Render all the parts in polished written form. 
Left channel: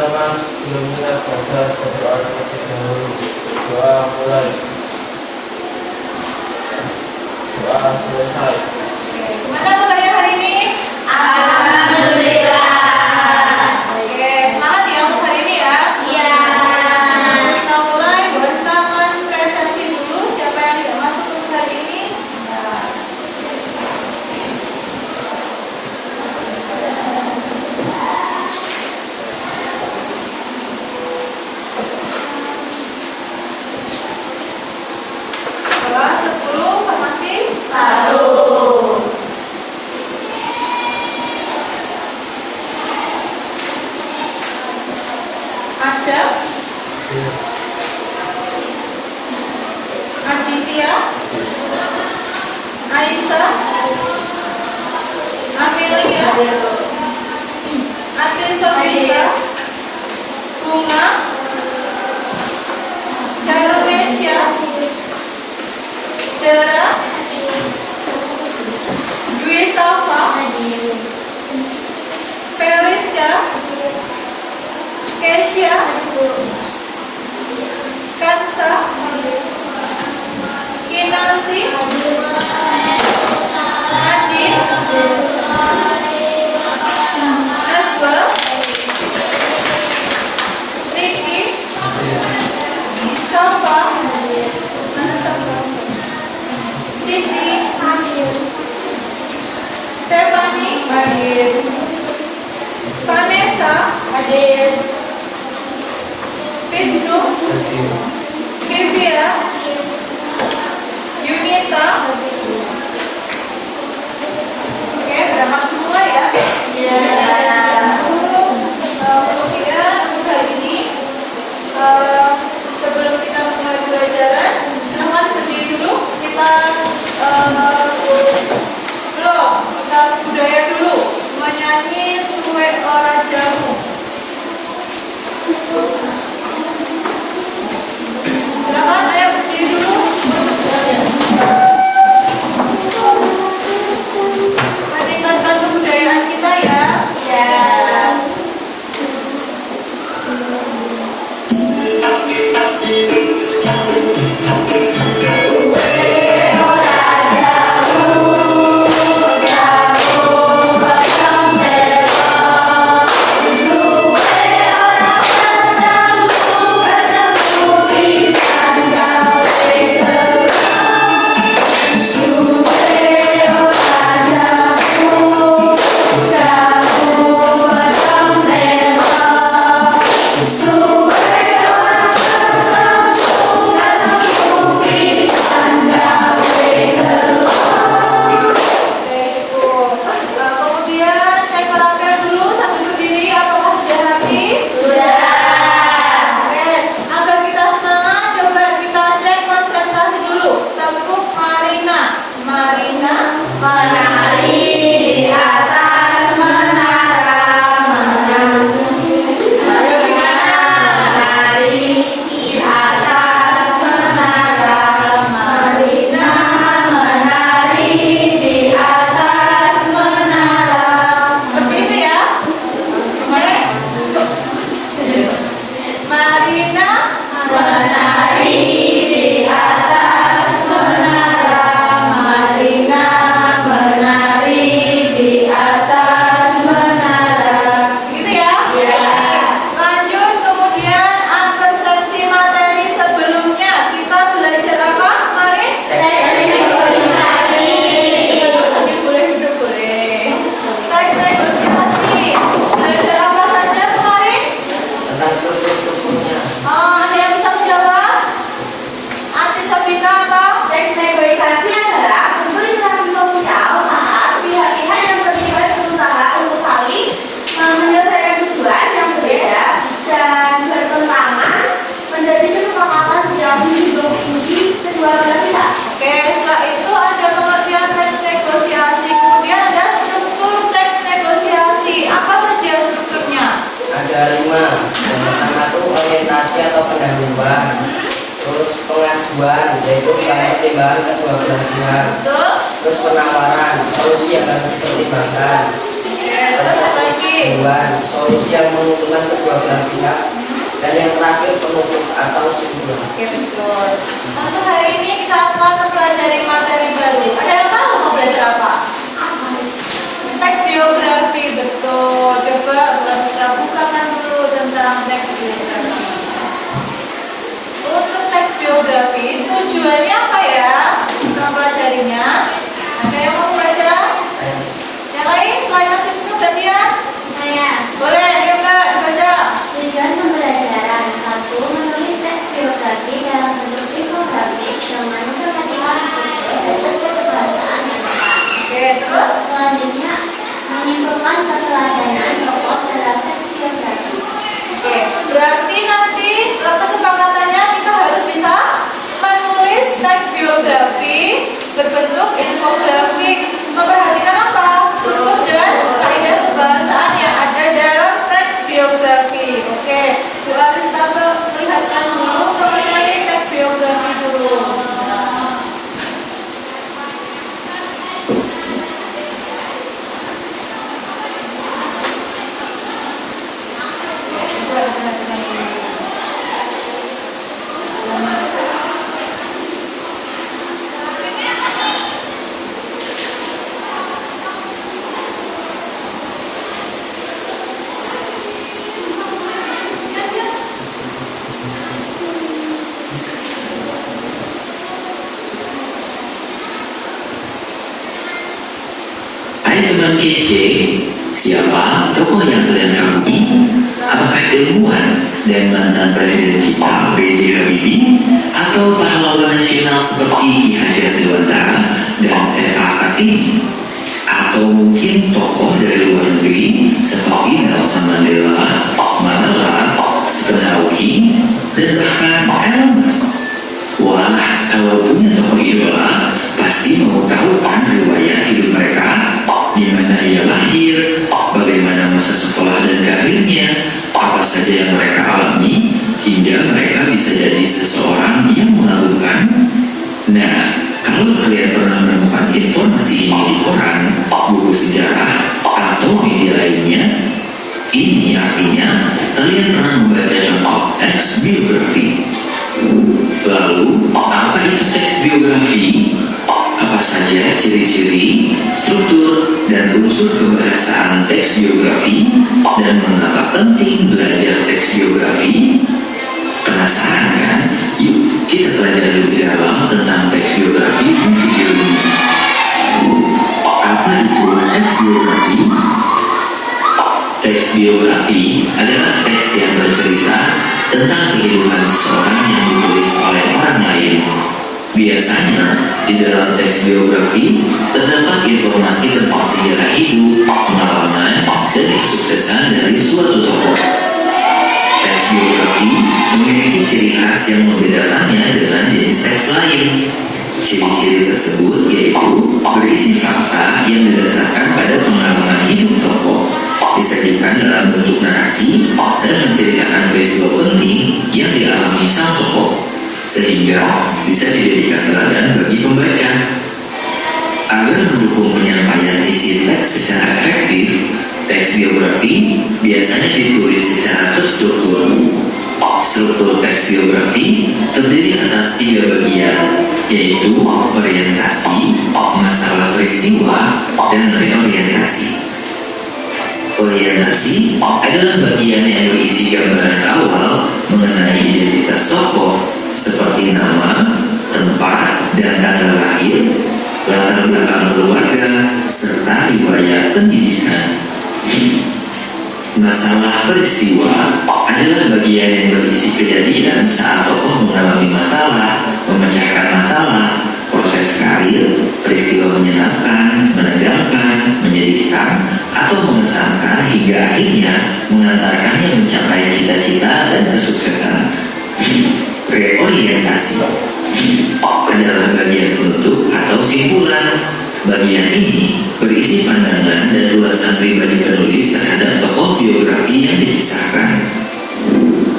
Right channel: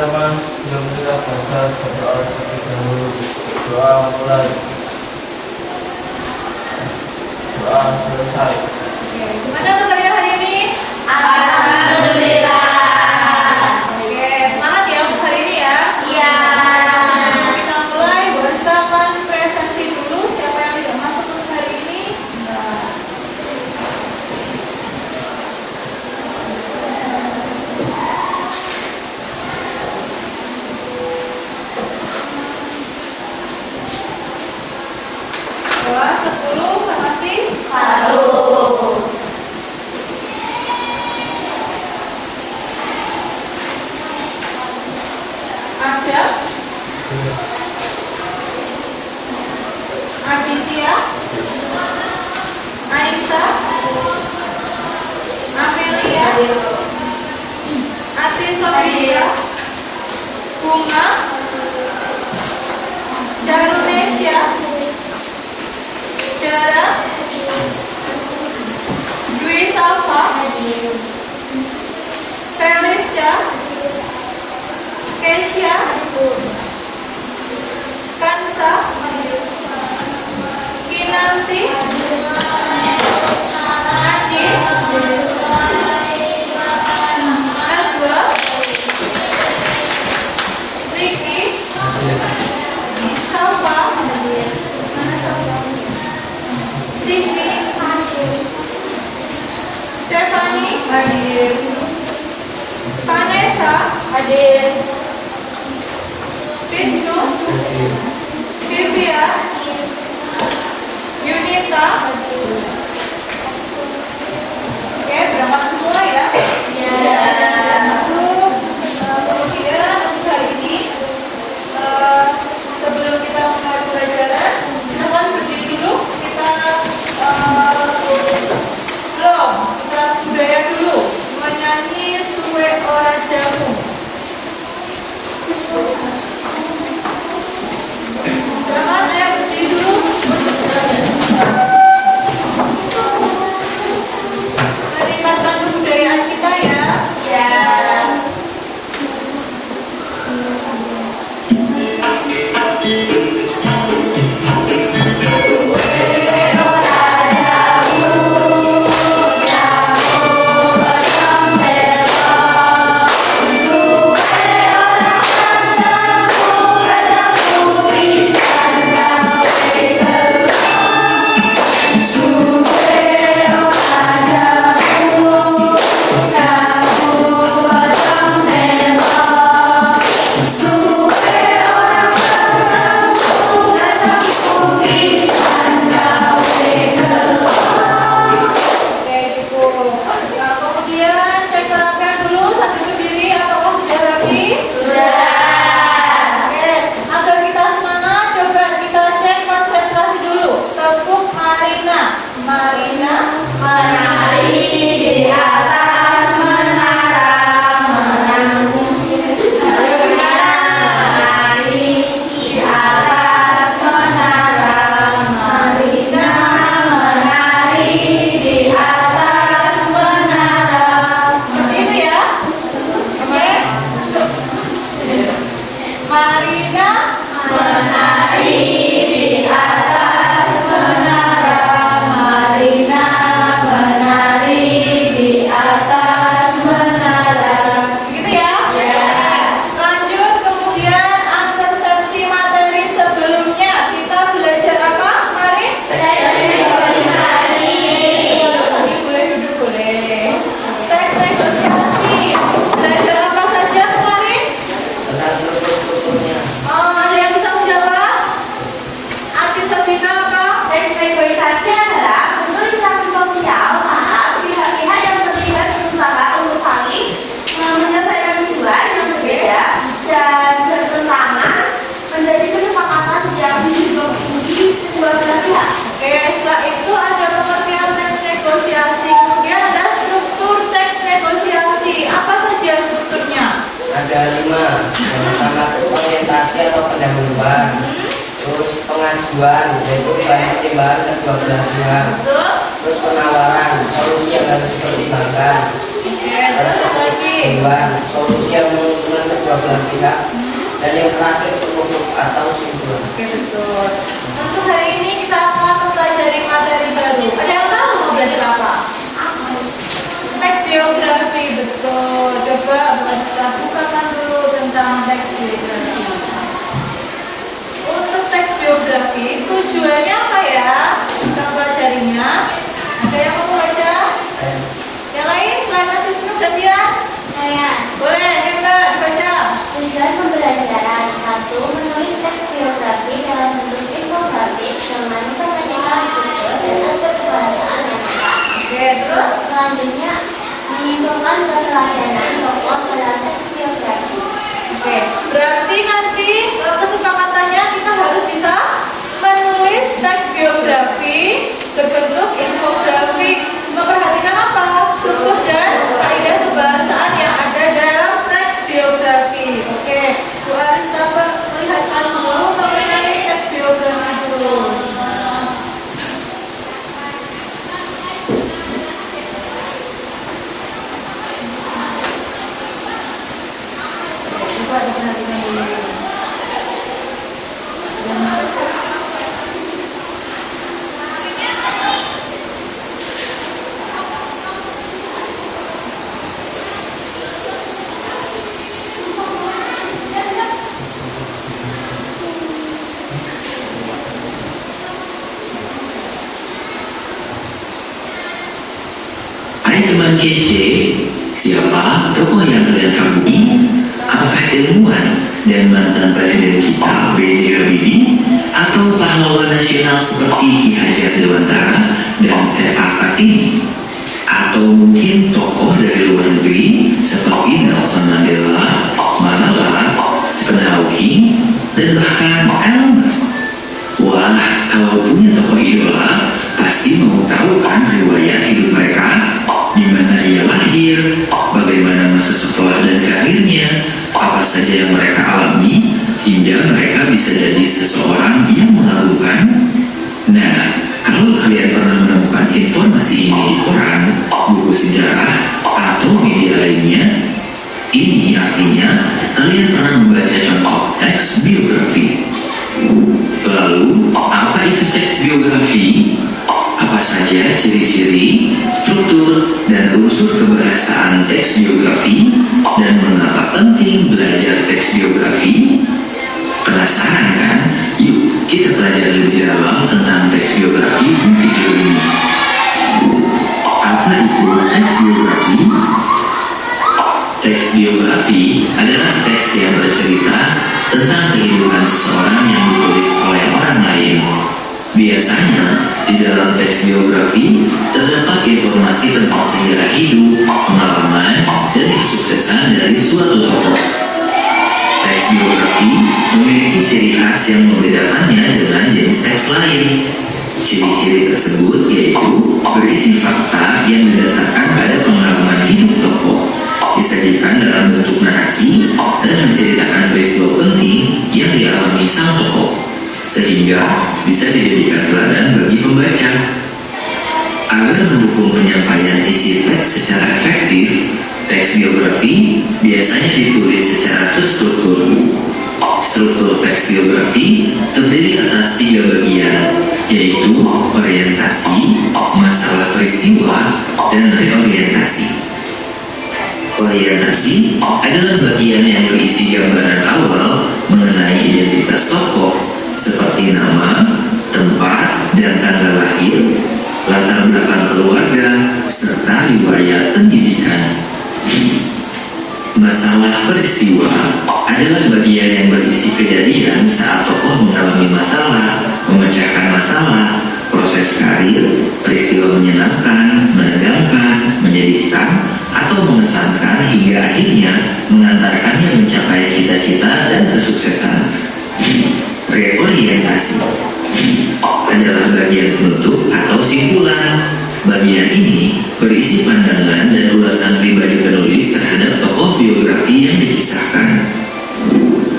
teman-teman, sebelum kita belajar berdoa terlebih dahulu. Doa mulai. Doa selesai. Gimana kabarnya hari ini? Alhamdulillah. Oke, semangat ya untuk hari ini ya. Iya. Kita mulai bersama presensi dulu. Siapa yang tidak masuk untuk hari ini? Doa 10 formasi 1. ada Aditya, Aisyah, Amelia, Ati Sofia, Bunga, Darunesya, Dara, Dwi Salva, Felicia, Kesha, Kansa, Kinanti, Adi, Aswa, Riki, Salva, Siti, Stephanie, Vanessa, Vishnu, Vivia, Yunita. Oke, berangkat semua ya. Kemudian untuk hari ini, sebelum kita mulai pelajaran, silakan berdiri dulu. Kita budaya dulu, menyanyi Suwe Ora Jamu. Silakan, ayo berdiri dulu. Meningkatkan kebudayaan kita ya. Ada 5. Yang pertama itu orientasi atau pendahuluan. Terus pengajuan, yaitu bahan pertimbangan kedua belah pihak. Terus penawaran, solusi yang harus dipertimbangkan. Terus apa lagi? Solusi yang menguntungkan kedua belah pihak. Oke, betul. Untuk hari ini kita akan mempelajari materi baru. Ada yang tahu mau belajar apa? Teks biografi, betul. Coba kita bukakan dulu tentang teks biografi. Untuk teks biografi, tujuannya apa ya? Kita pelajarinya. Ada yang mau baca? Yang lain selain Mas Wisnu, Batia? Saya. Boleh, ya Mbak, dibaca. Tujuan pembelajaran 1. Menulis teks biografi dalam bentuk infografik dengan memperhatikan struktur dan aspek kebahasaan yang tepat. Oke, terus? Selanjutnya, menyimpulkan keteladanan tokoh dalam teks biografi. Oke, berarti nanti kesepakatannya kita harus bisa menulis teks biografi berbentuk infografik. Memperhatikan apa? Struktur dan kaidah kebahasaan yang ada dalam teks biografi. Oke, Bu Arista melihatkan dulu mengenai teks biografi dulu. Coba diperhatikan dulu. Hai teman kece, siapa tokoh yang kalian kagumi? Apakah ilmuwan dan mantan presiden kita B.J. Habibie atau pahlawan nasional seperti Ki Hajar Dewantara dan R.A. Kartini? Atau mungkin tokoh dari luar negeri seperti Nelson Mandela, Malala, Stephen Hawking, dan bahkan Elon Musk? Wah, kalau punya tokoh idola, pasti mau tahu kan riwayat hidup mereka? Di mana ia lahir, bagaimana masa sekolah dan karirnya, apa saja yang mereka alami, hingga mereka bisa jadi seseorang yang mengagumkan. Nah, kalau kalian pernah menemukan informasi ini di koran, buku sejarah, atau media lainnya, ini artinya kalian pernah membaca contoh teks biografi. Lalu, apa itu teks biografi? Apa saja ciri-ciri, struktur, dan unsur kebahasaan teks biografi, dan mengapa penting belajar teks biografi? Penasaran kan? Yuk kita pelajari lebih dalam tentang teks biografi di video ini. Apa itu teks biografi? Teks biografi adalah teks yang bercerita tentang kehidupan seseorang yang ditulis oleh orang lain. Biasanya, di dalam teks biografi terdapat informasi tentang sejarah hidup, pengalaman, dan kesuksesan dari suatu tokoh. Teks biografi memiliki ciri khas yang membedakannya dengan jenis teks lain. Ciri-ciri tersebut yaitu berisi fakta yang didasarkan pada pengalaman hidup tokoh, disajikan dalam bentuk narasi, dan menceritakan peristiwa penting yang dialami sang tokoh, sehingga bisa dijadikan teladan bagi pembaca. Agar mendukung penyampaian isi teks secara efektif, teks biografi biasanya ditulis secara terstruktur. Struktur teks biografi terdiri atas 3 bagian, yaitu orientasi, masalah peristiwa, dan reorientasi. Orientasi adalah bagian yang berisi gambaran awal mengenai identitas tokoh, seperti nama, tempat, dan tanggal lahir, latar belakang keluarga, serta riwayat pendidikan. Masalah peristiwa adalah bagian yang berisi kejadian saat tokoh mengalami masalah, memecahkan masalah, proses karir, peristiwa menyenangkan, menegangkan, menyedihkan, atau mengesankan hingga akhirnya mengantarkannya mencapai cita-cita dan kesuksesan. Reorientasi adalah bagian penutup atau simpulan. Bagian ini berisi pandangan dan ulasan pribadi penulis terhadap tokoh biografi yang dikisahkan.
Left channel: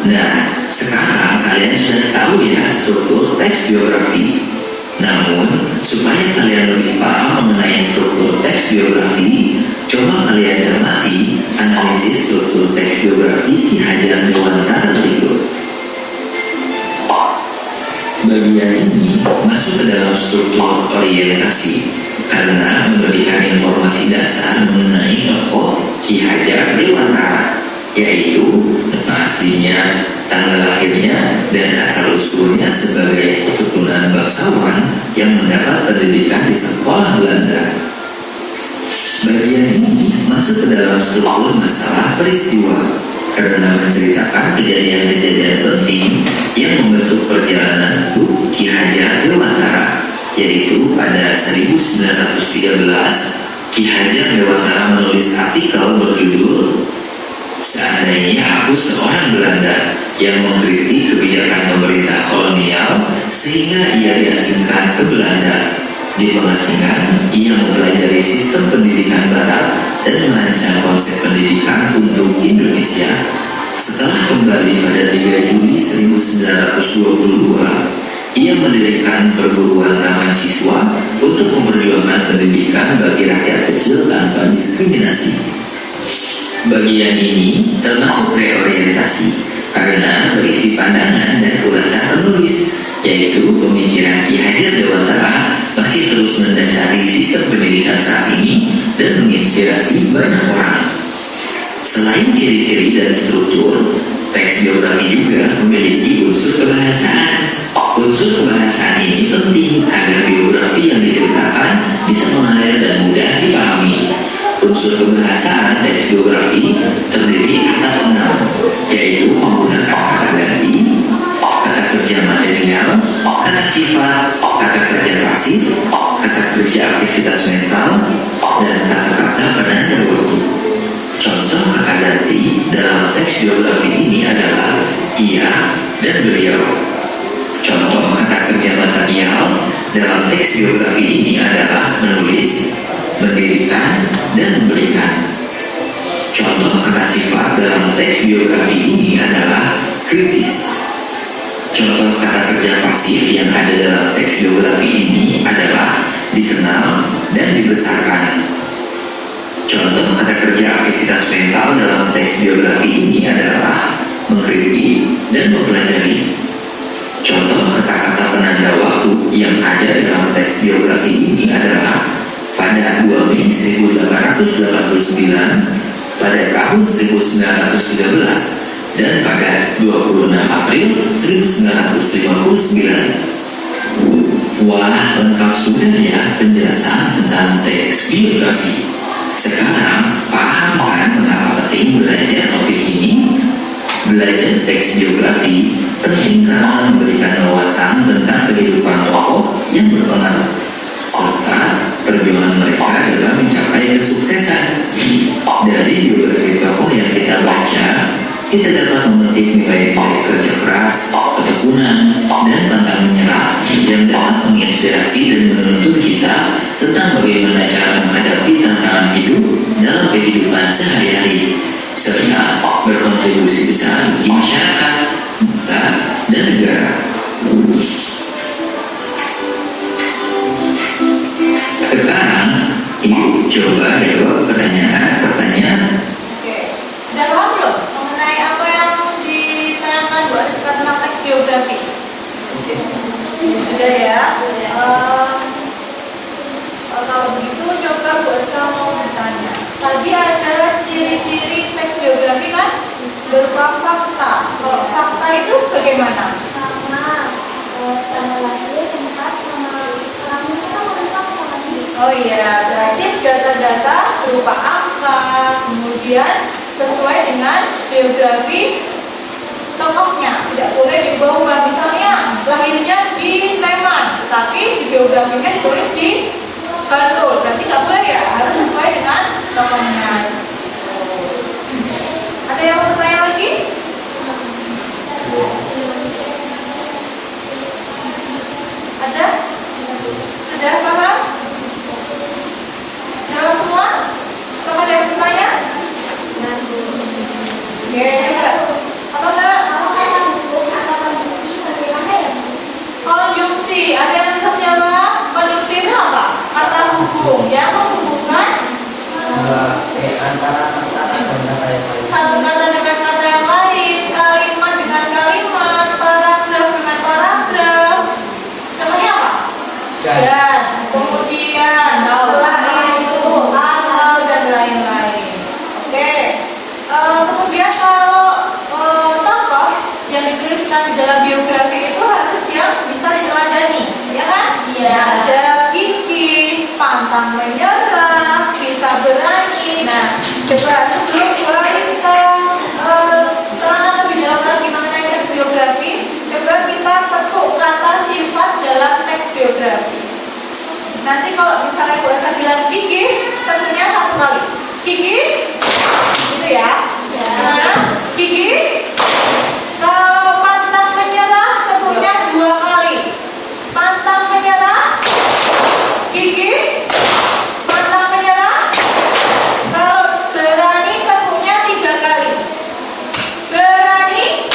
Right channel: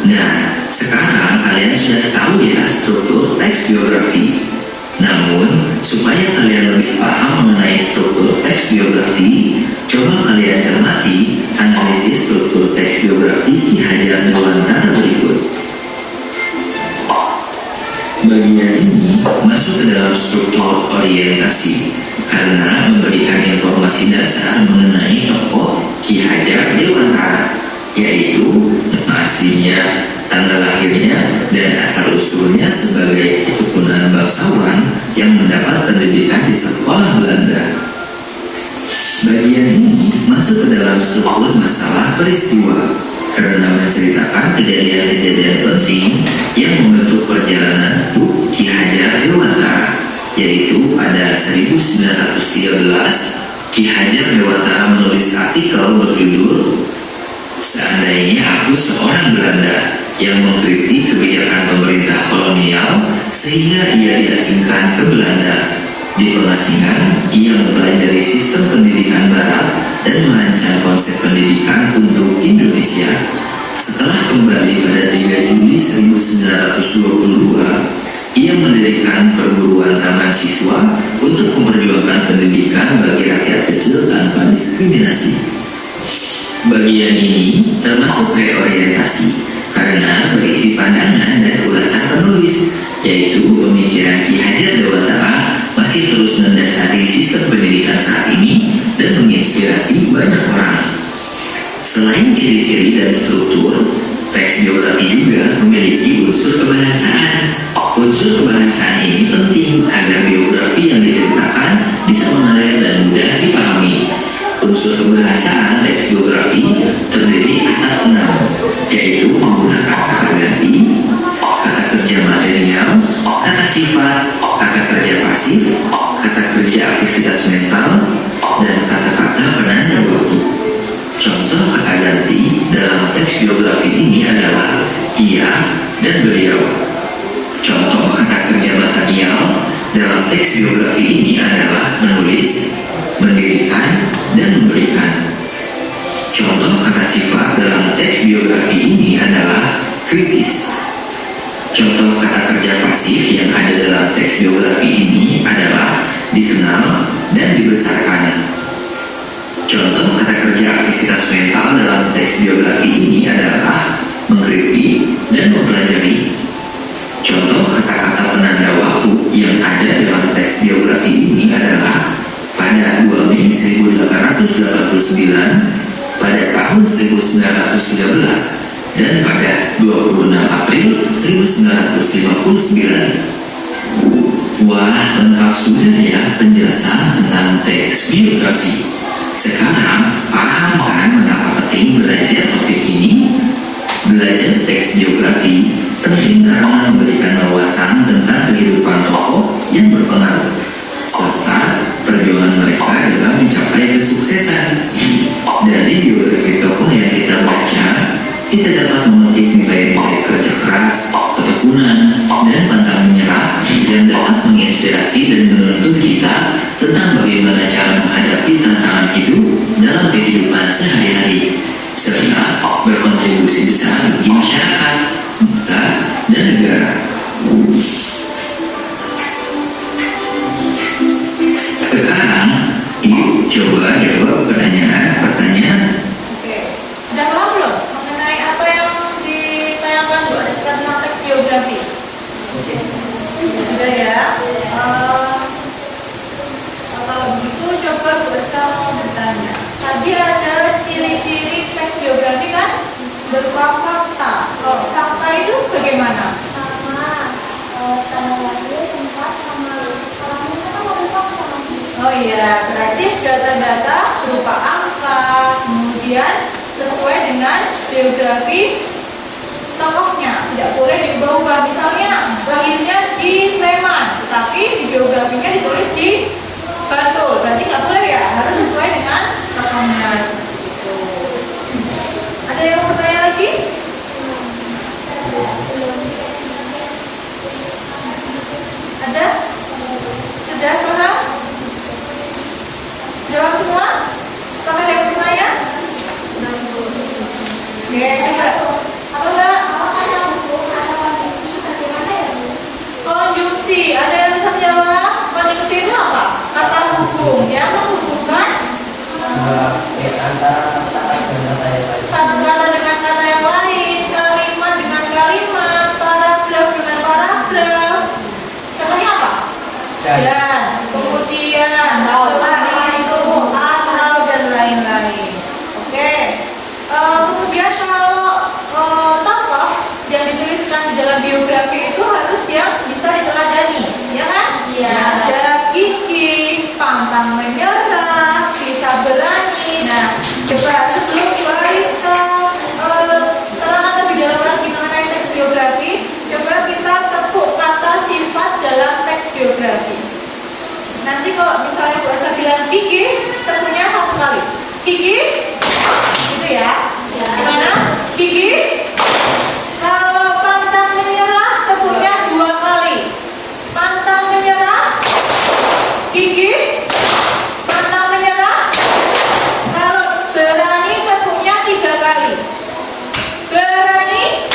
Nah, sekarang kalian sudah tahu ya struktur teks biografi. Namun, supaya kalian lebih paham mengenai struktur teks biografi, coba kalian cermati analisis struktur teks biografi Ki Hajar Dewantara berikut. dasar mengenai tokoh Ki Hajar Dewantara, yaitu nama aslinya, tanggal lahirnya, dan asal-usulnya sebagai keturunan bangsawan yang mendapat pendidikan di sekolah Belanda. Bagian ini masuk ke dalam struktur masalah peristiwa karena menceritakan kejadian-kejadian penting yang membentuk perjalanan hidup Ki Hajar Dewantara, yaitu pada 1913 Ki Hajar Dewantara menulis artikel berjudul "Seandainya Aku Seorang Belanda" yang mengkritik kebijakan pemerintah kolonial sehingga ia diasingkan ke Belanda. Di pengasingan, ia mempelajari sistem pendidikan barat dan merancang konsep pendidikan untuk Indonesia. Setelah kembali pada 3 Juli 1922, ia mendirikan perguruan taman siswa untuk memperjuangkan pendidikan bagi rakyat kecil tanpa diskriminasi. Bagian ini termasuk reorientasi karena berisi pandangan dan ulasan penulis, yaitu pemikiran Ki Hajar Dewantara masih terus mendasari sistem pendidikan saat ini dan menginspirasi banyak orang. Selain ciri-ciri dan struktur, teks biografi juga memiliki unsur kebahasaan. Unsur kebahasaan ini penting agar biografi yang diceritakan bisa mengalir dan mudah dipahami. Unsur kebahasaan teks biografi terdiri atas 6, yaitu menggunakan kata ganti, kata kerja material, kata sifat, kata kerja pasif, kata kerja aktivitas mental, dan kata-kata penanda waktu. Contoh kata ganti dalam teks biografi ini adalah ia dan beliau. Contoh kata kerja material dalam teks biografi ini adalah menulis, mendirikan, dan memberikan. Contoh kata sifat dalam teks biografi ini adalah kritis. Contoh kata kerja pasif yang ada dalam teks biografi ini adalah dikenal dan dibesarkan. Contoh kata kerja aktivitas mental dalam teks biografi ini adalah mengkritik dan mempelajari. Contoh kata-kata penanda waktu yang ada dalam teks biografi ini adalah pada 2 Mei 1889, pada tahun 1913, dan pada 26 April 1959. Wah, lengkap sudah ya penjelasan tentang teks biografi. Sekarang paham kan mengapa penting belajar topik ini? Belajar teks biografi penting karena memberikan wawasan tentang kehidupan tokoh yang berpengaruh serta perjuangan mereka dalam mencapai kesuksesan. Dari biografi tokoh yang kita baca, kita dapat memetik nilai-nilai kerja keras, ketekunan, dan pantang menyerah yang dapat menginspirasi dan menuntun kita tentang bagaimana cara menghadapi tantangan hidup dalam kehidupan sehari-hari, serta berkontribusi besar bagi masyarakat, bangsa, dan negara. Sekarang, yuk coba jawab pertanyaan-pertanyaan. Oke, sudah paham belum mengenai apa yang ditanyakan Bu Ariska tentang teks biografi? Sudah ya? Kalau begitu coba Bu Ariska mau bertanya. Tadi ada ciri-ciri teks biografi kan? Berupa fakta. Kalau fakta itu bagaimana? Sama tanggal lahir, tempat, sama orang ini kan harus fakta lagi. Oh iya, berarti data-data berupa angka, kemudian sesuai dengan biografi tokohnya, tidak boleh diubah-ubah. Misalnya lahirnya di Sleman, tetapi biografinya ditulis di Bantul, berarti nggak boleh ya, harus sesuai dengan tokohnya. Ada yang mau bertanya lagi? Ada? Sudah paham? Jawab semua? Apakah ada yang bertanya? Oke, apa enggak? Konjungsi, ada yang bisa menjawab? Konjungsi itu apa? Kata hubung, ya, menghubung gigi tentunya 1 kali. Gigi, gitu ya. Gimana? Gigi. Kalau pantang menyerah tentunya 2 kali. Pantang menyerah. Gigi. Pantang menyerah. Kalau berani tentunya 3 kali. Berani.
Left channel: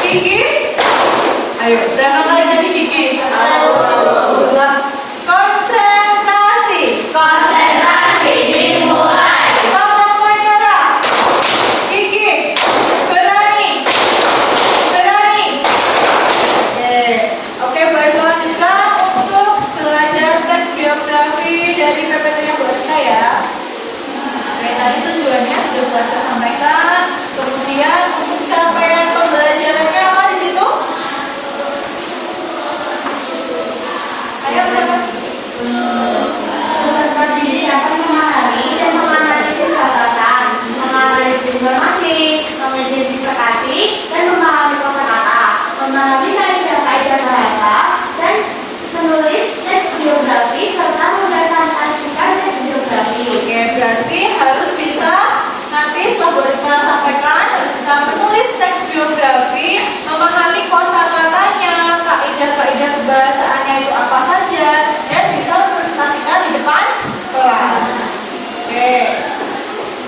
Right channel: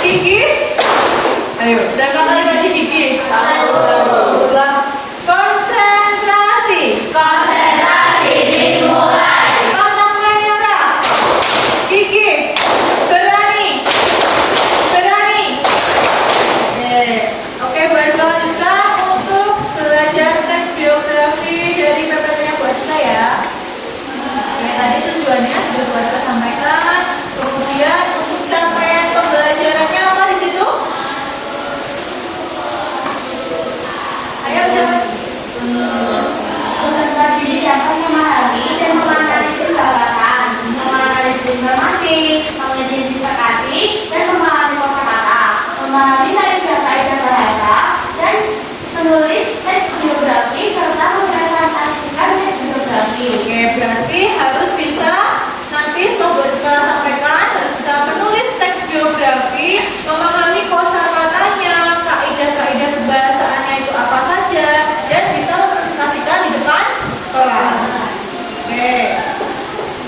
Gigi. Ayo, berapa kali tadi gigi? 2. Konsentrasi. Konsentrasi dimulai. Pantang menyerah. Gigi. Berani. Berani. Oke, buat selanjutnya untuk belajar teks biografi dari PPT-nya Bu Aska ya. Oke, tadi tujuannya sudah Bu Aska sampaikan. Kemudian untuk capaian pembelajarannya apa di situ? Ayo siapa? Peserta didik dapat memahami dan menganalisis batasan, menganalisis informasi, mengidentifikasi dan memahami kosakata, memahami kaidah-kaidah bahasa, dan menulis teks biografi serta merepresentasikan teks biografi. Oke, berarti harus bisa nanti setelah Bu Aska sampaikan harus bisa menulis teks biografi, memahami kosakatanya, kaidah-kaidah kebahasaannya itu apa saja, dan bisa merepresentasikan di depan kelas. Oke.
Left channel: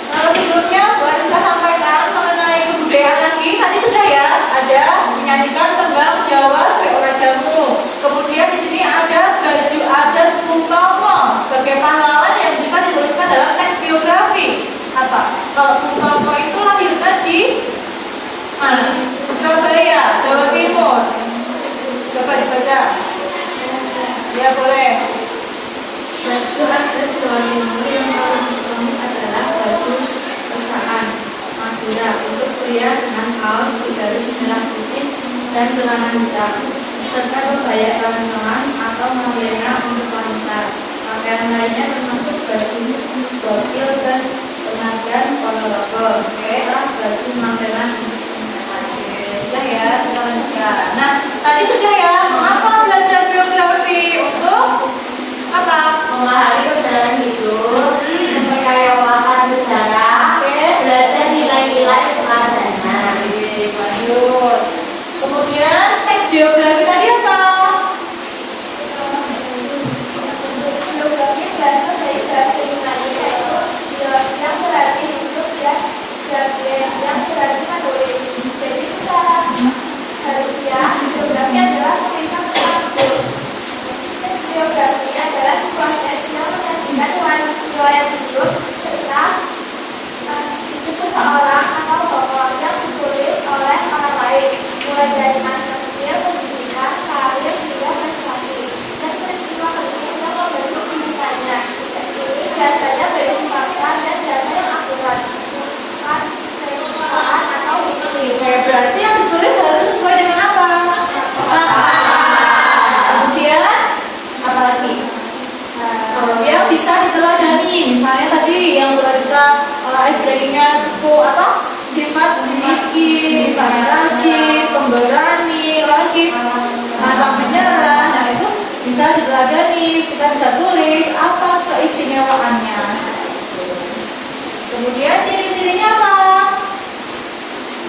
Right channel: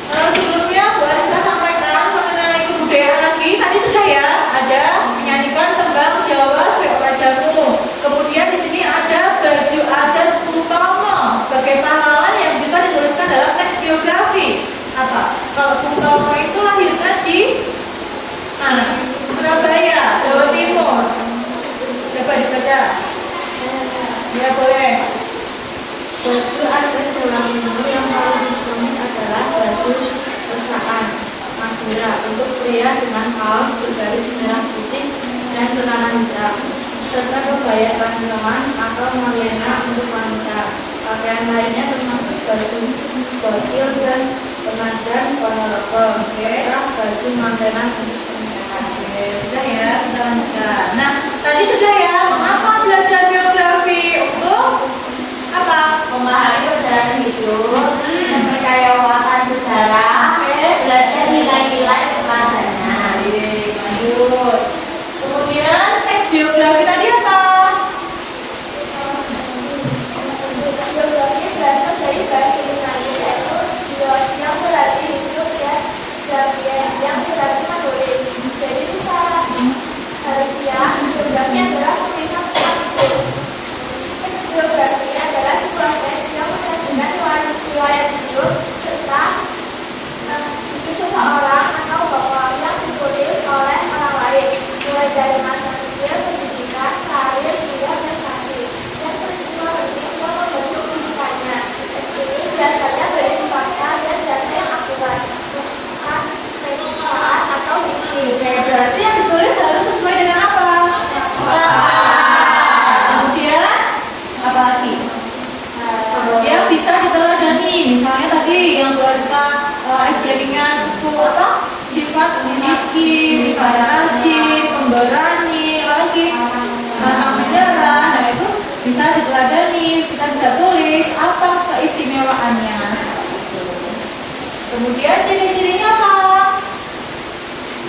Sebelumnya Bu Aska sampaikan mengenai kebudayaan lagi. Tadi sudah ya, ada menyanyikan tembang Jawa sebagai orang jamu. Kemudian di sini ada baju adat Utomo sebagai pahlawan yang bisa dituliskan dalam teks biografi. Apa? Kalau Utomo itu lahirkan di mana? Surabaya, Jawa Timur. Coba dibaca. Ya boleh. Baju adat Jawa Timur yang paling ikonik adalah baju perusahaan Madura untuk pria dengan kaos bergaris merah putih dan celana hitam, serta kebaya barengan atau melena untuk wanita. Pakaian lainnya termasuk baju bokil dan pengajar ponorogo, serta baju mantenan untuk Oke, sudah ya, kita lanjutkan. Nah, tadi sudah ya, mengapa belajar biografi? Untuk apa? memahami perjalanan hidup, memperkaya wawasan sejarah, belajar nilai-nilai keteladanan. Lanjut. Kemudian teks biografi tadi apa? Biografi berasal dari bahasa Yunani yaitu bios yang berarti hidup dan bagian yang berarti tulis. Jadi secara harfiah biografi adalah tulisan tentang hidup. Teks biografi adalah sebuah teks yang menyajikan riwayat hidup serta seseorang atau tokoh yang ditulis oleh orang lain, mulai dari masa kecil, pendidikan, karir, hingga prestasi, dan peristiwa penting yang membentuk kehidupannya. Teks ini biasanya berisi fakta dan data yang akurat, bukan keilmuan atau diksi. Oke, berarti yang ditulis harus sesuai dengan apa? Kemudian apa lagi? Yang bisa diteladani, misalnya tadi yang Bu Aska ice breakingnya itu apa? Sifat memiliki, misalnya rajin, pemberani, lagi pantang menyerah. Nah itu bisa diteladani, kita bisa tulis apa keistimewaannya. Kemudian ciri-cirinya apa?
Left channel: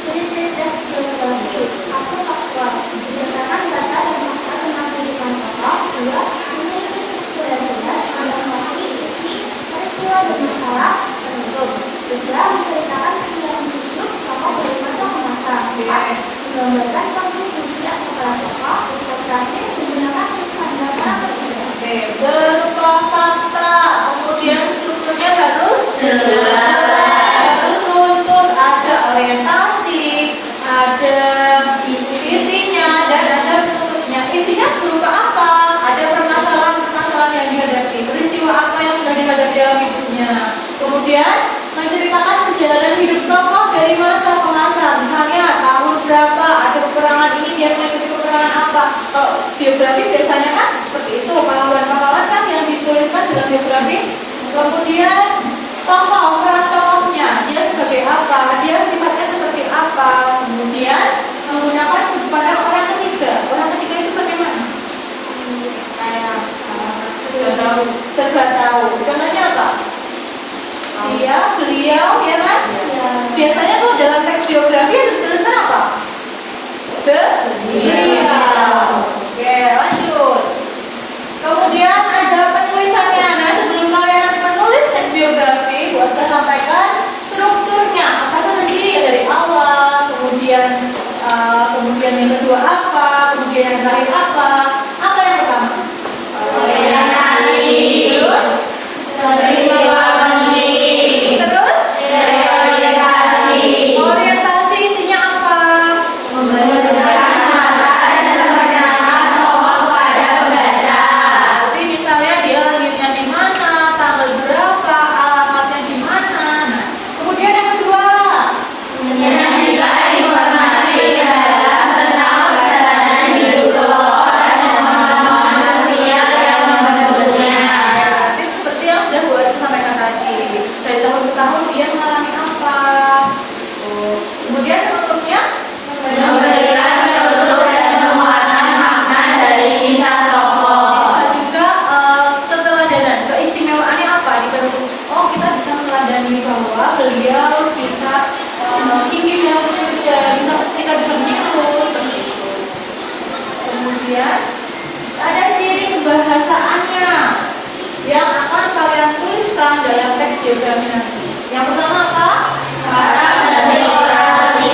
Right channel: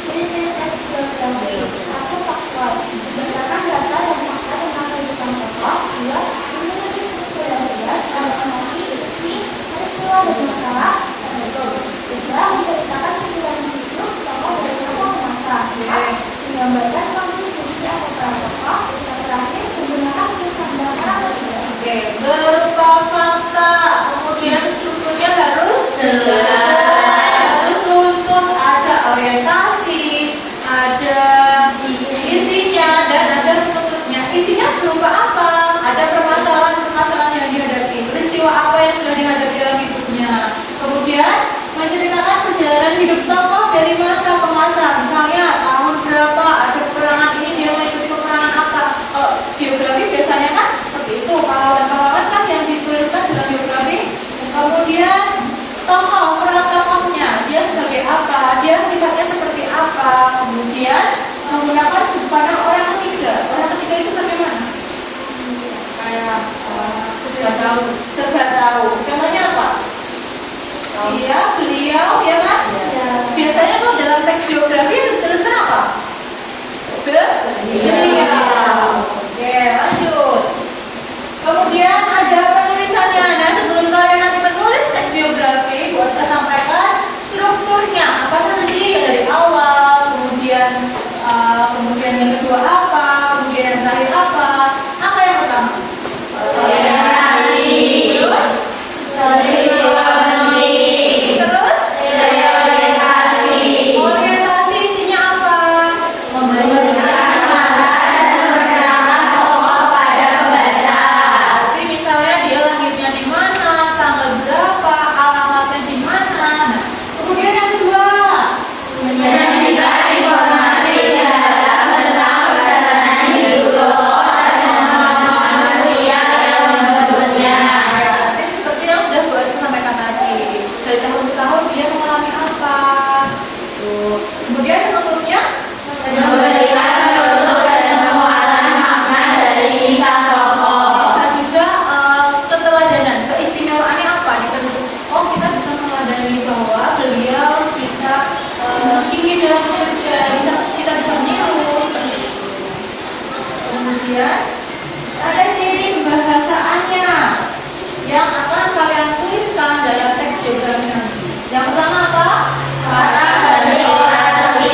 Ciri-ciri teks biografi. 1. Faktual. Berdasarkan data dan fakta tentang kehidupan tokoh. 2. Memiliki struktur yang jelas, narasi, isi, peristiwa dan masalah tertentu. 3. Menceritakan kehidupan hidup tokoh dari masa ke masa. 4. Menggambarkan kontribusi atau peran tokoh. Dan terakhir, menggunakan sudut pandang orang berbeda. Oke, berupa fakta. Kemudian strukturnya harus Jelas. harus runtut, ada orientasi, ada isinya, dan ada runtutnya. Isinya berupa apa? Ada permasalahan-permasalahan yang dihadapi, peristiwa apa yang sudah dihadapi dalam hidupnya. Kemudian menceritakan perjalanan hidup tokoh dari masa ke masa. Misalnya tahun berapa ada peperangan ini, dia mengikuti peperangan apa. Kalau biografi biasanya kan seperti itu, pahlawan-pahlawan kan yang dituliskan dalam biografi. Kemudian tokoh, peran tokohnya, dia sebagai apa, dia sifatnya seperti apa. Kemudian menggunakan sudut pandang orang ketiga. Orang ketiga itu bagaimana? Serba tahu. apa? Dia, beliau, ya kan? Biasanya kalau dalam teks biografi dituliskan apa? Beliau. Oke, lanjut. Kemudian ada penulisannya. Nah, sebelum kalian nanti menulis teks biografi, buat saya sampaikan strukturnya. Apa saja sih? Ya, dari awal, kemudian yang kedua apa, kemudian yang terakhir apa. Apa yang pertama? Terus? Orientasi isinya apa? Berarti misalnya dia lahirnya di mana, tanggal berapa, alamatnya di mana. Nah, kemudian yang kedua, berarti seperti yang sudah Bu Aci sampaikan tadi, dari tahun ke tahun dia mengalami apa. Tuh. Kemudian penutupnya, bisa juga keteladanan, keistimewaannya apa di penutup. Oh, kita bisa meneladani bahwa beliau bisa tinggi dalam bekerja, kita bisa meniru seperti itu. Kemudian ada ciri kebahasaannya yang akan kalian tuliskan dalam teks biografi nanti. Yang pertama apa? Berarti apa tadi?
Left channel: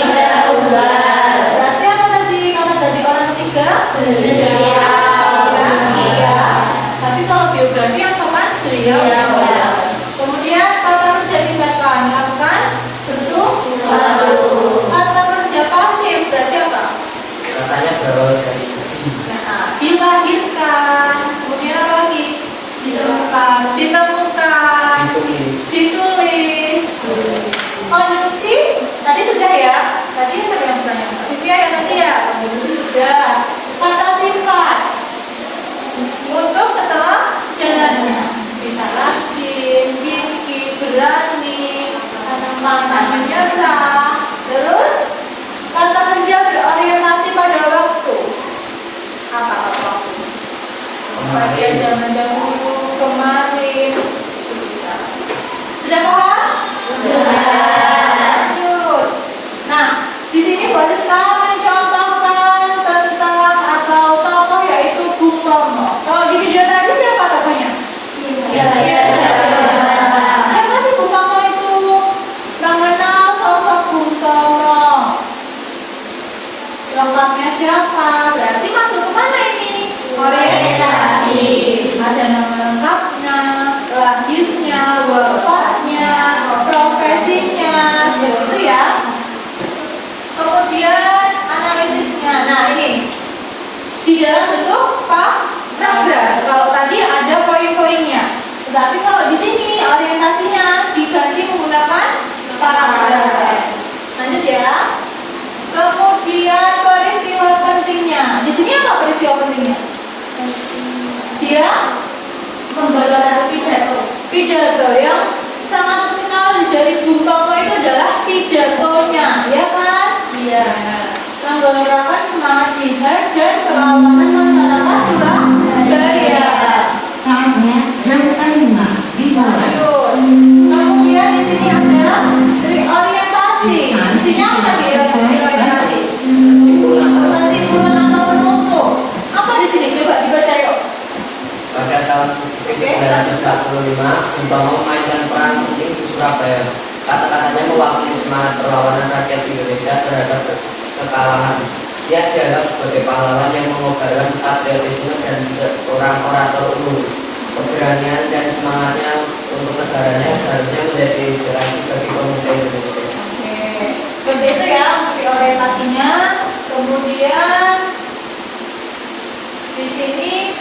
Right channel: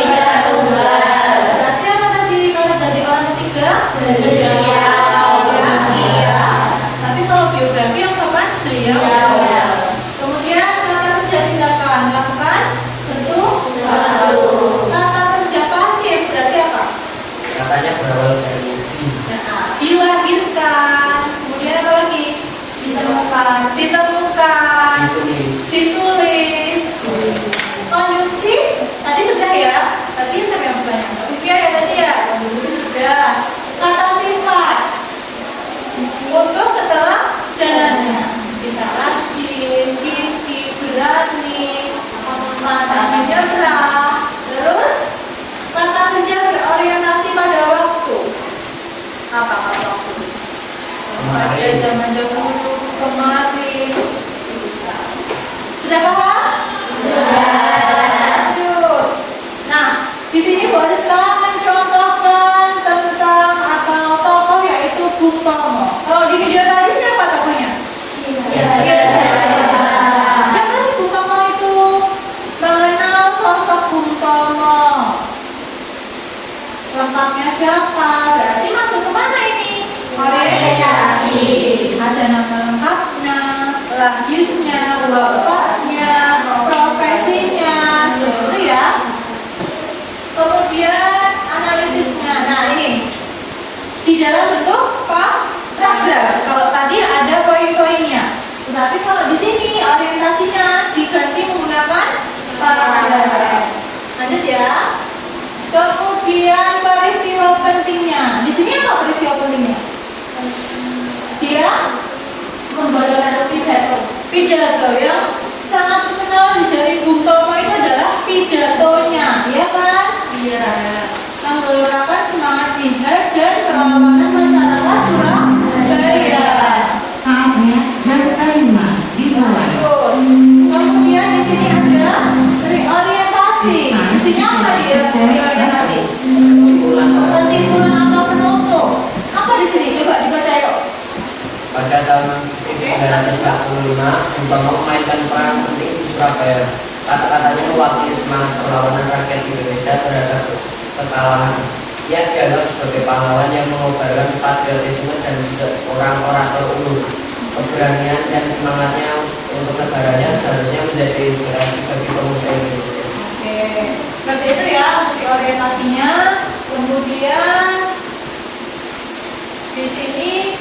Kata dari orang ketiga? Biografi ya. Tapi kalau biografi yang sopan beliau. Kemudian kata kerja tindakan melakukan sesuatu. Kata kerja pasif berarti apa? Katanya berawal dari Nah, dilahirkan. Kemudian apa lagi? Ditemukan. Ditulis. Konjungsi tadi sudah ya. Tadi siapa yang bertanya? Olivia ya tadi ya. Konjungsi sudah. Kata sifat untuk keteladanan bisa rajin, gigih, berani, mantap, menyerah. Terus kata kerja berorientasi pada waktu. Apa waktu? Pada zaman dahulu, kemarin. Bisa. Sudah paham? Lanjut. Nah, di sini boleh sekarang mencontohkan tentang atau tokoh yaitu Bung Tomo. Kalau di video tadi siapa tokohnya? Siapa sih Bung Tomo itu? Mengenal sosok Bung Tomo. Lengkapnya siapa? Berarti masuk ke mana ini? Orientasi. Ada nama lengkapnya, lahirnya, wafatnya, profesinya, seperti itu ya. Kemudian analisisnya. Nah ini di dalam bentuk paragraf. Kalau tadi ada poin-poinnya, tetapi kalau di sini orientasinya diganti menggunakan paragraf. Lanjut ya. Kemudian peristiwa pentingnya. Di sini apa peristiwa pentingnya? Dia membacakan pidato yang sangat terkenal dari Bung Tomo itu adalah pidatonya, ya kan? Iya. Menggelorakan semangat jihad dan perlawanan masyarakat Surabaya. Kemudian di sini ada reorientasi. Isinya apa dia reorientasi? Kesimpulan atau penutup. Apa di sini? Coba dibaca yuk. Pada tahun 1945, Bung Tomo memainkan peran penting di Surabaya. Kata-katanya mewakili semangat perlawanan rakyat Indonesia terhadap kekalahan. Ia dianggap sebagai pahlawan yang mengobarkan patriotisme dan seorang orator unggul. Keberanian dan semangatnya untuk negaranya seharusnya menjadi inspirasi bagi pemuda Indonesia. Oke, seperti itu ya orientasinya. Kemudian di sini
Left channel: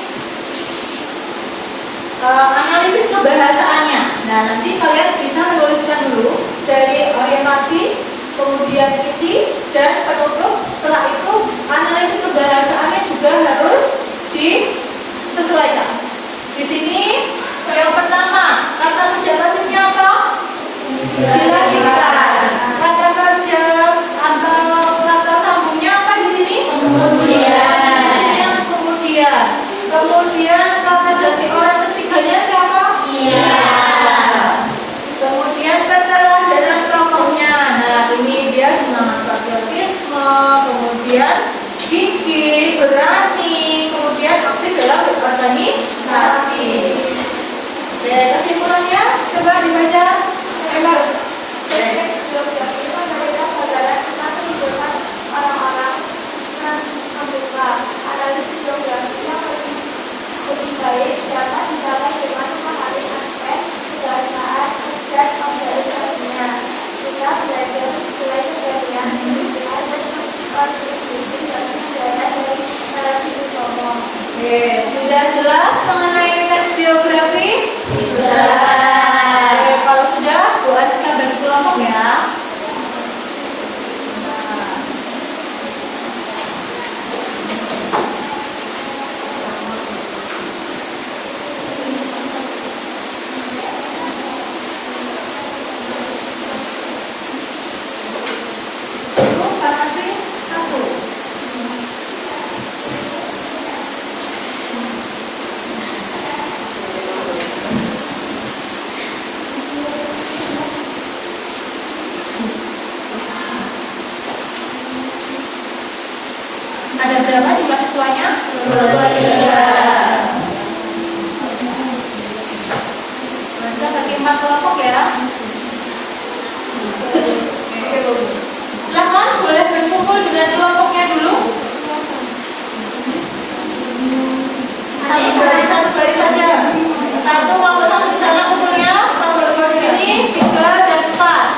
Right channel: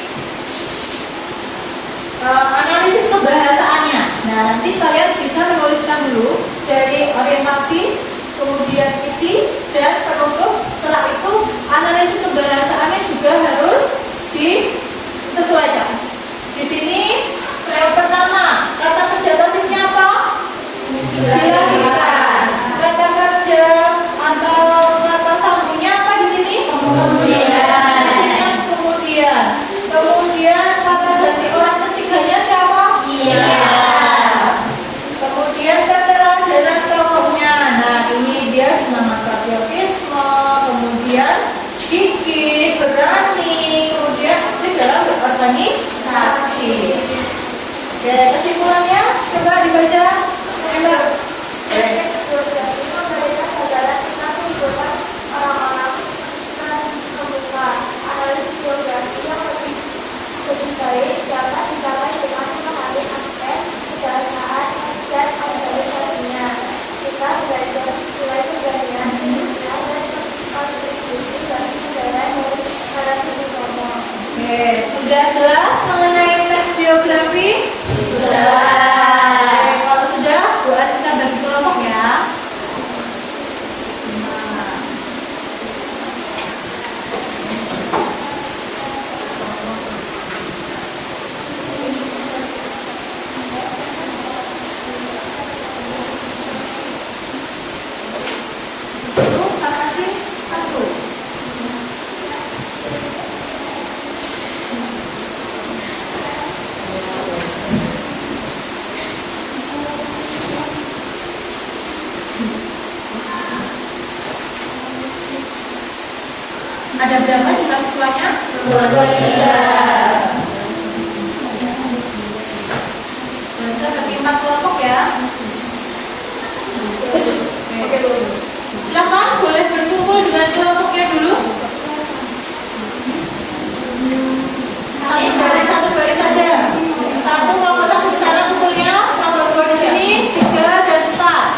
analisis kebahasaannya. Nah, nanti kalian bisa menuliskan dulu dari orientasi, kemudian isi dan penutup. Setelah itu analisis kebahasaannya juga harus disesuaikan. Di sini yang pertama, kata kerja pasifnya apa? Dilahirkan. Kata kerja atau kata Ada berapa jumlah siswanya? 23. Kita bagi 4 kelompok ya. Silakan boleh berkumpul dengan kelompoknya dulu. Satu baris saja. Satu kelompok satu di sana kumpulnya, kelompok dua di sini, 3 dan 4.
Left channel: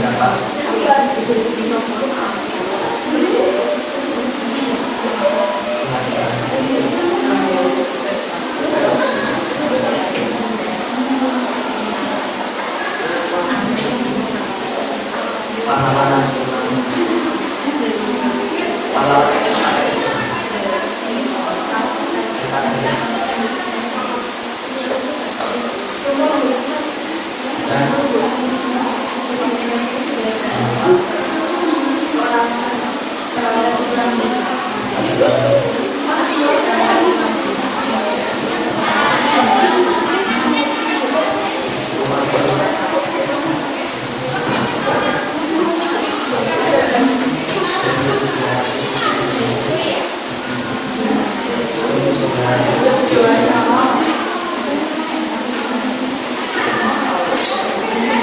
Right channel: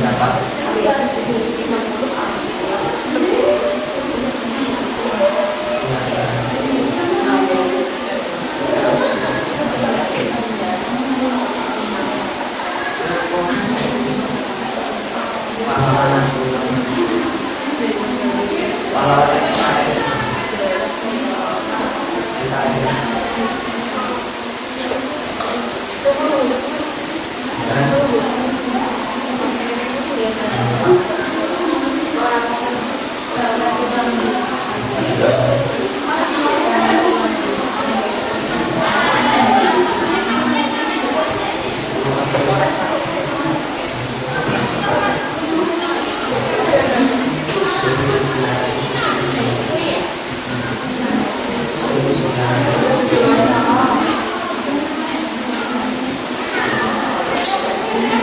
Dapat. Pahlawan nasional. Pahlawan NKRI.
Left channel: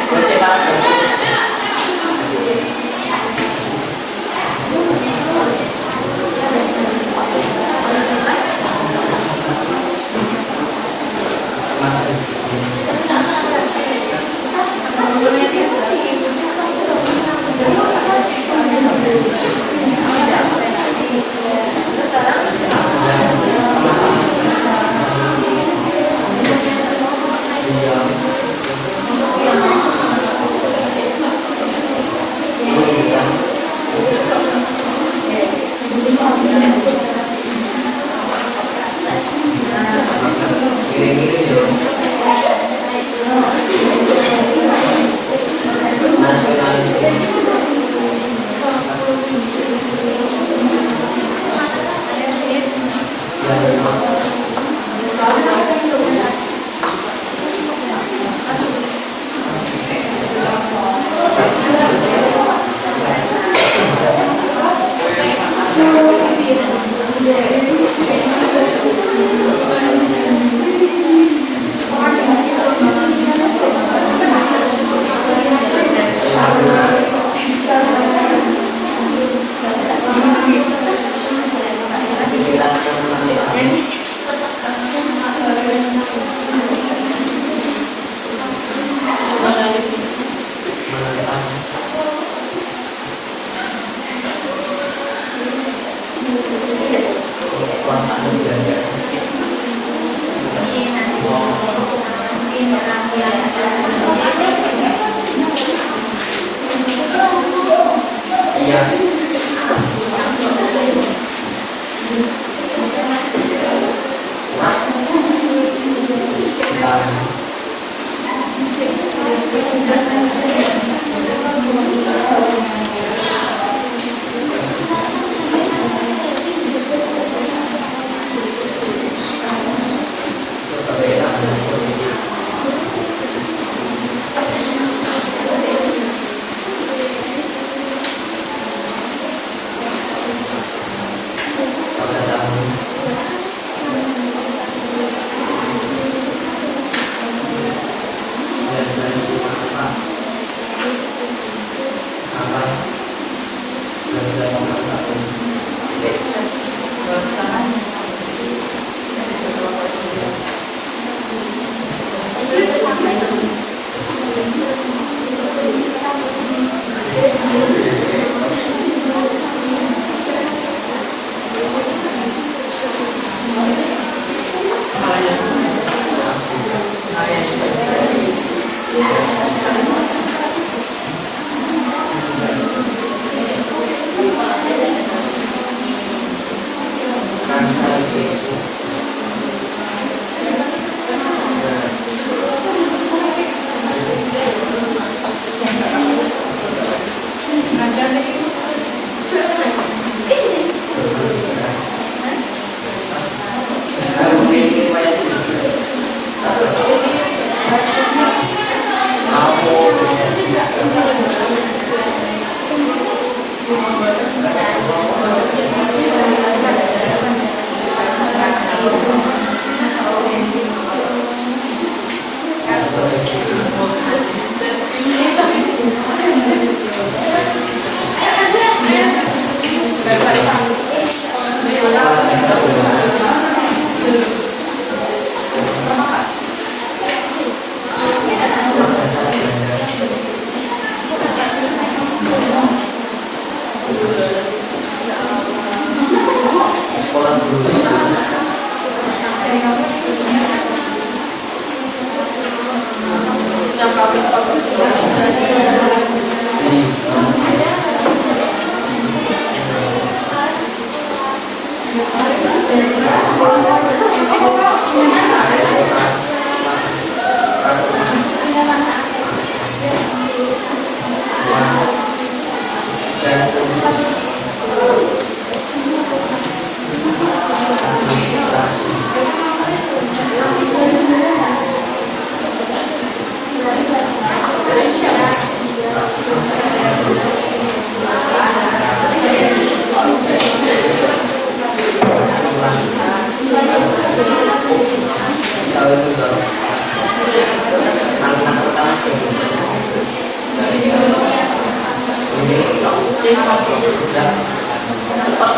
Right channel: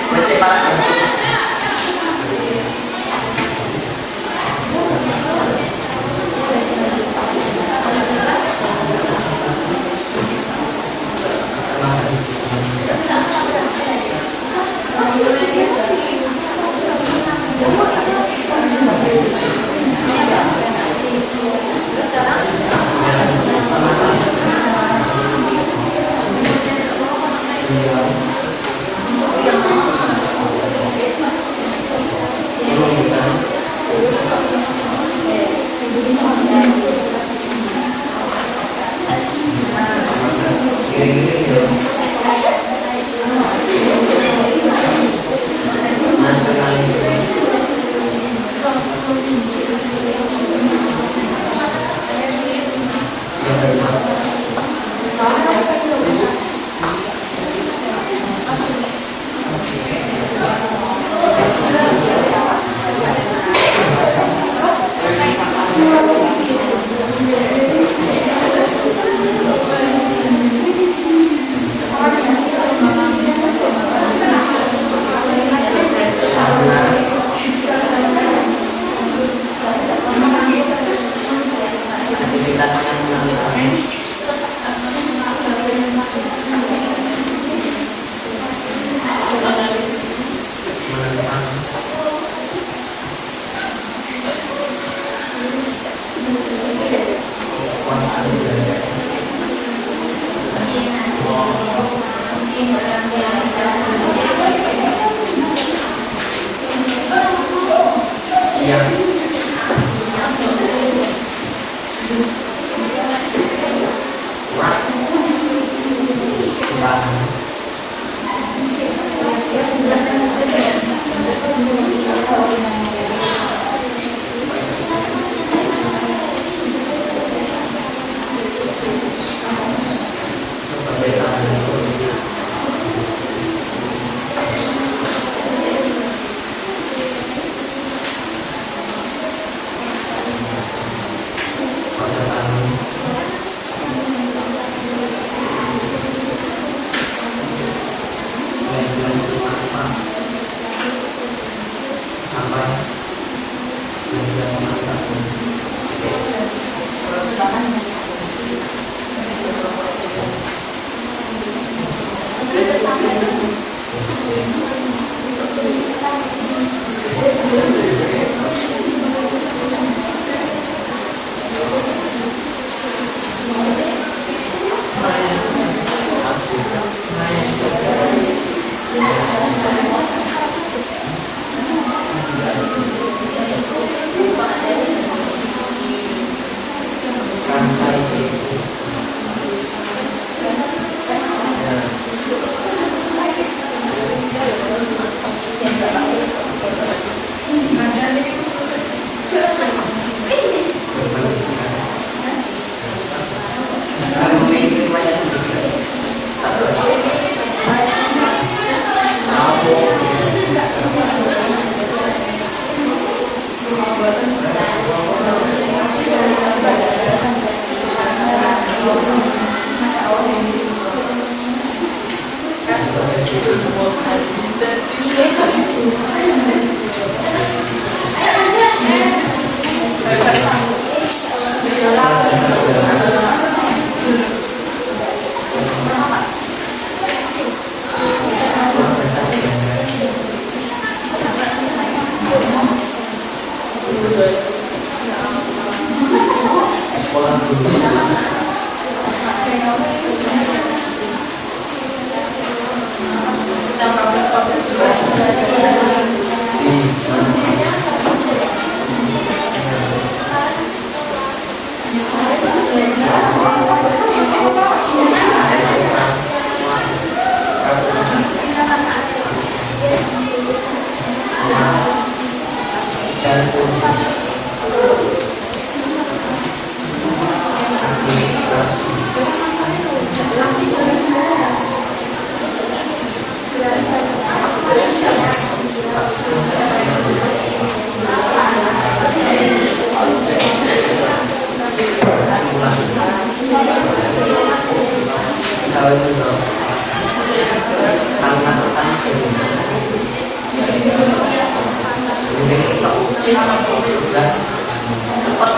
Masih Pak. Udah. Cepat.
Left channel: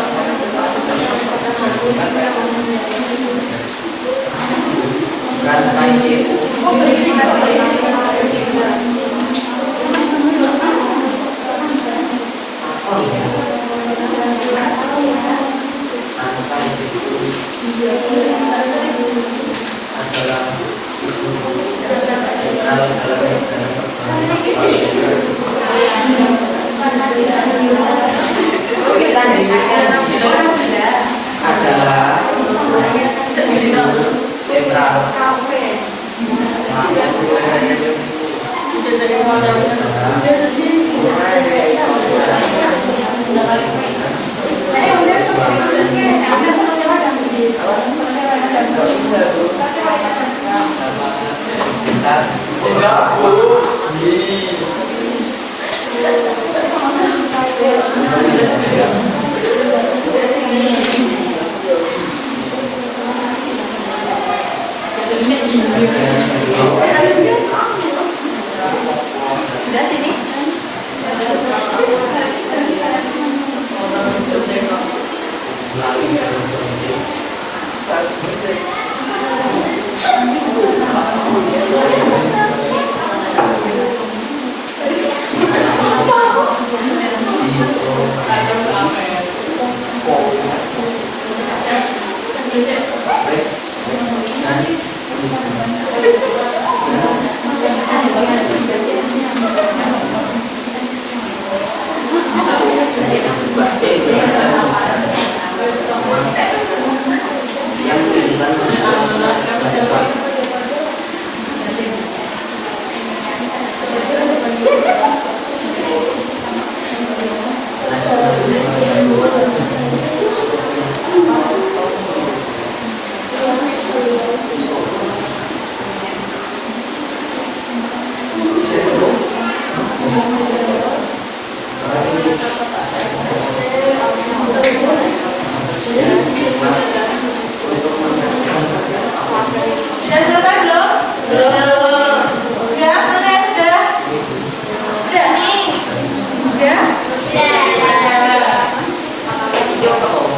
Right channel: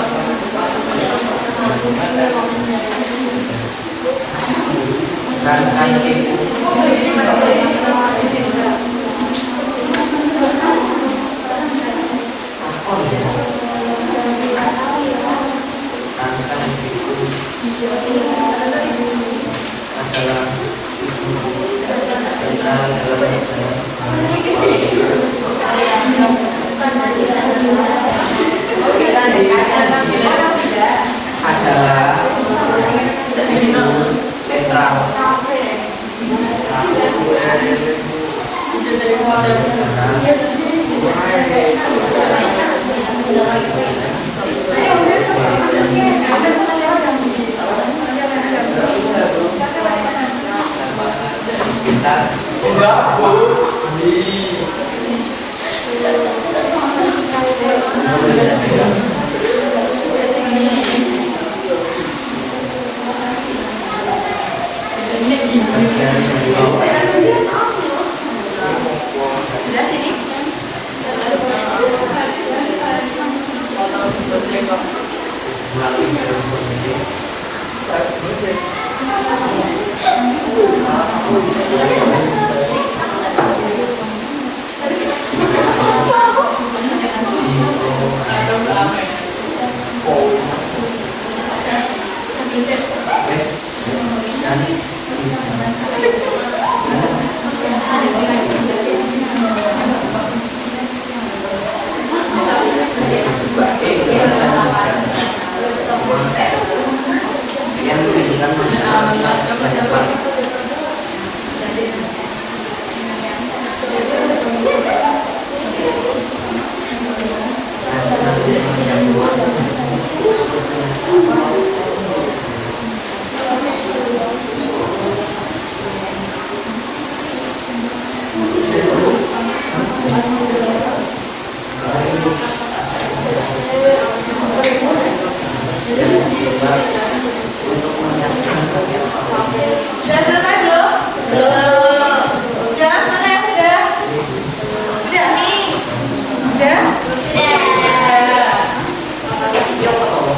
Translasi. Oh iya. Translasi itu adalah sentral dalam adalah sentral. Sudah sini. Yang Sudah selesai belum? Belum. Sudah? Mana yang sudah? Sudah? Sudah? Yuk, apa?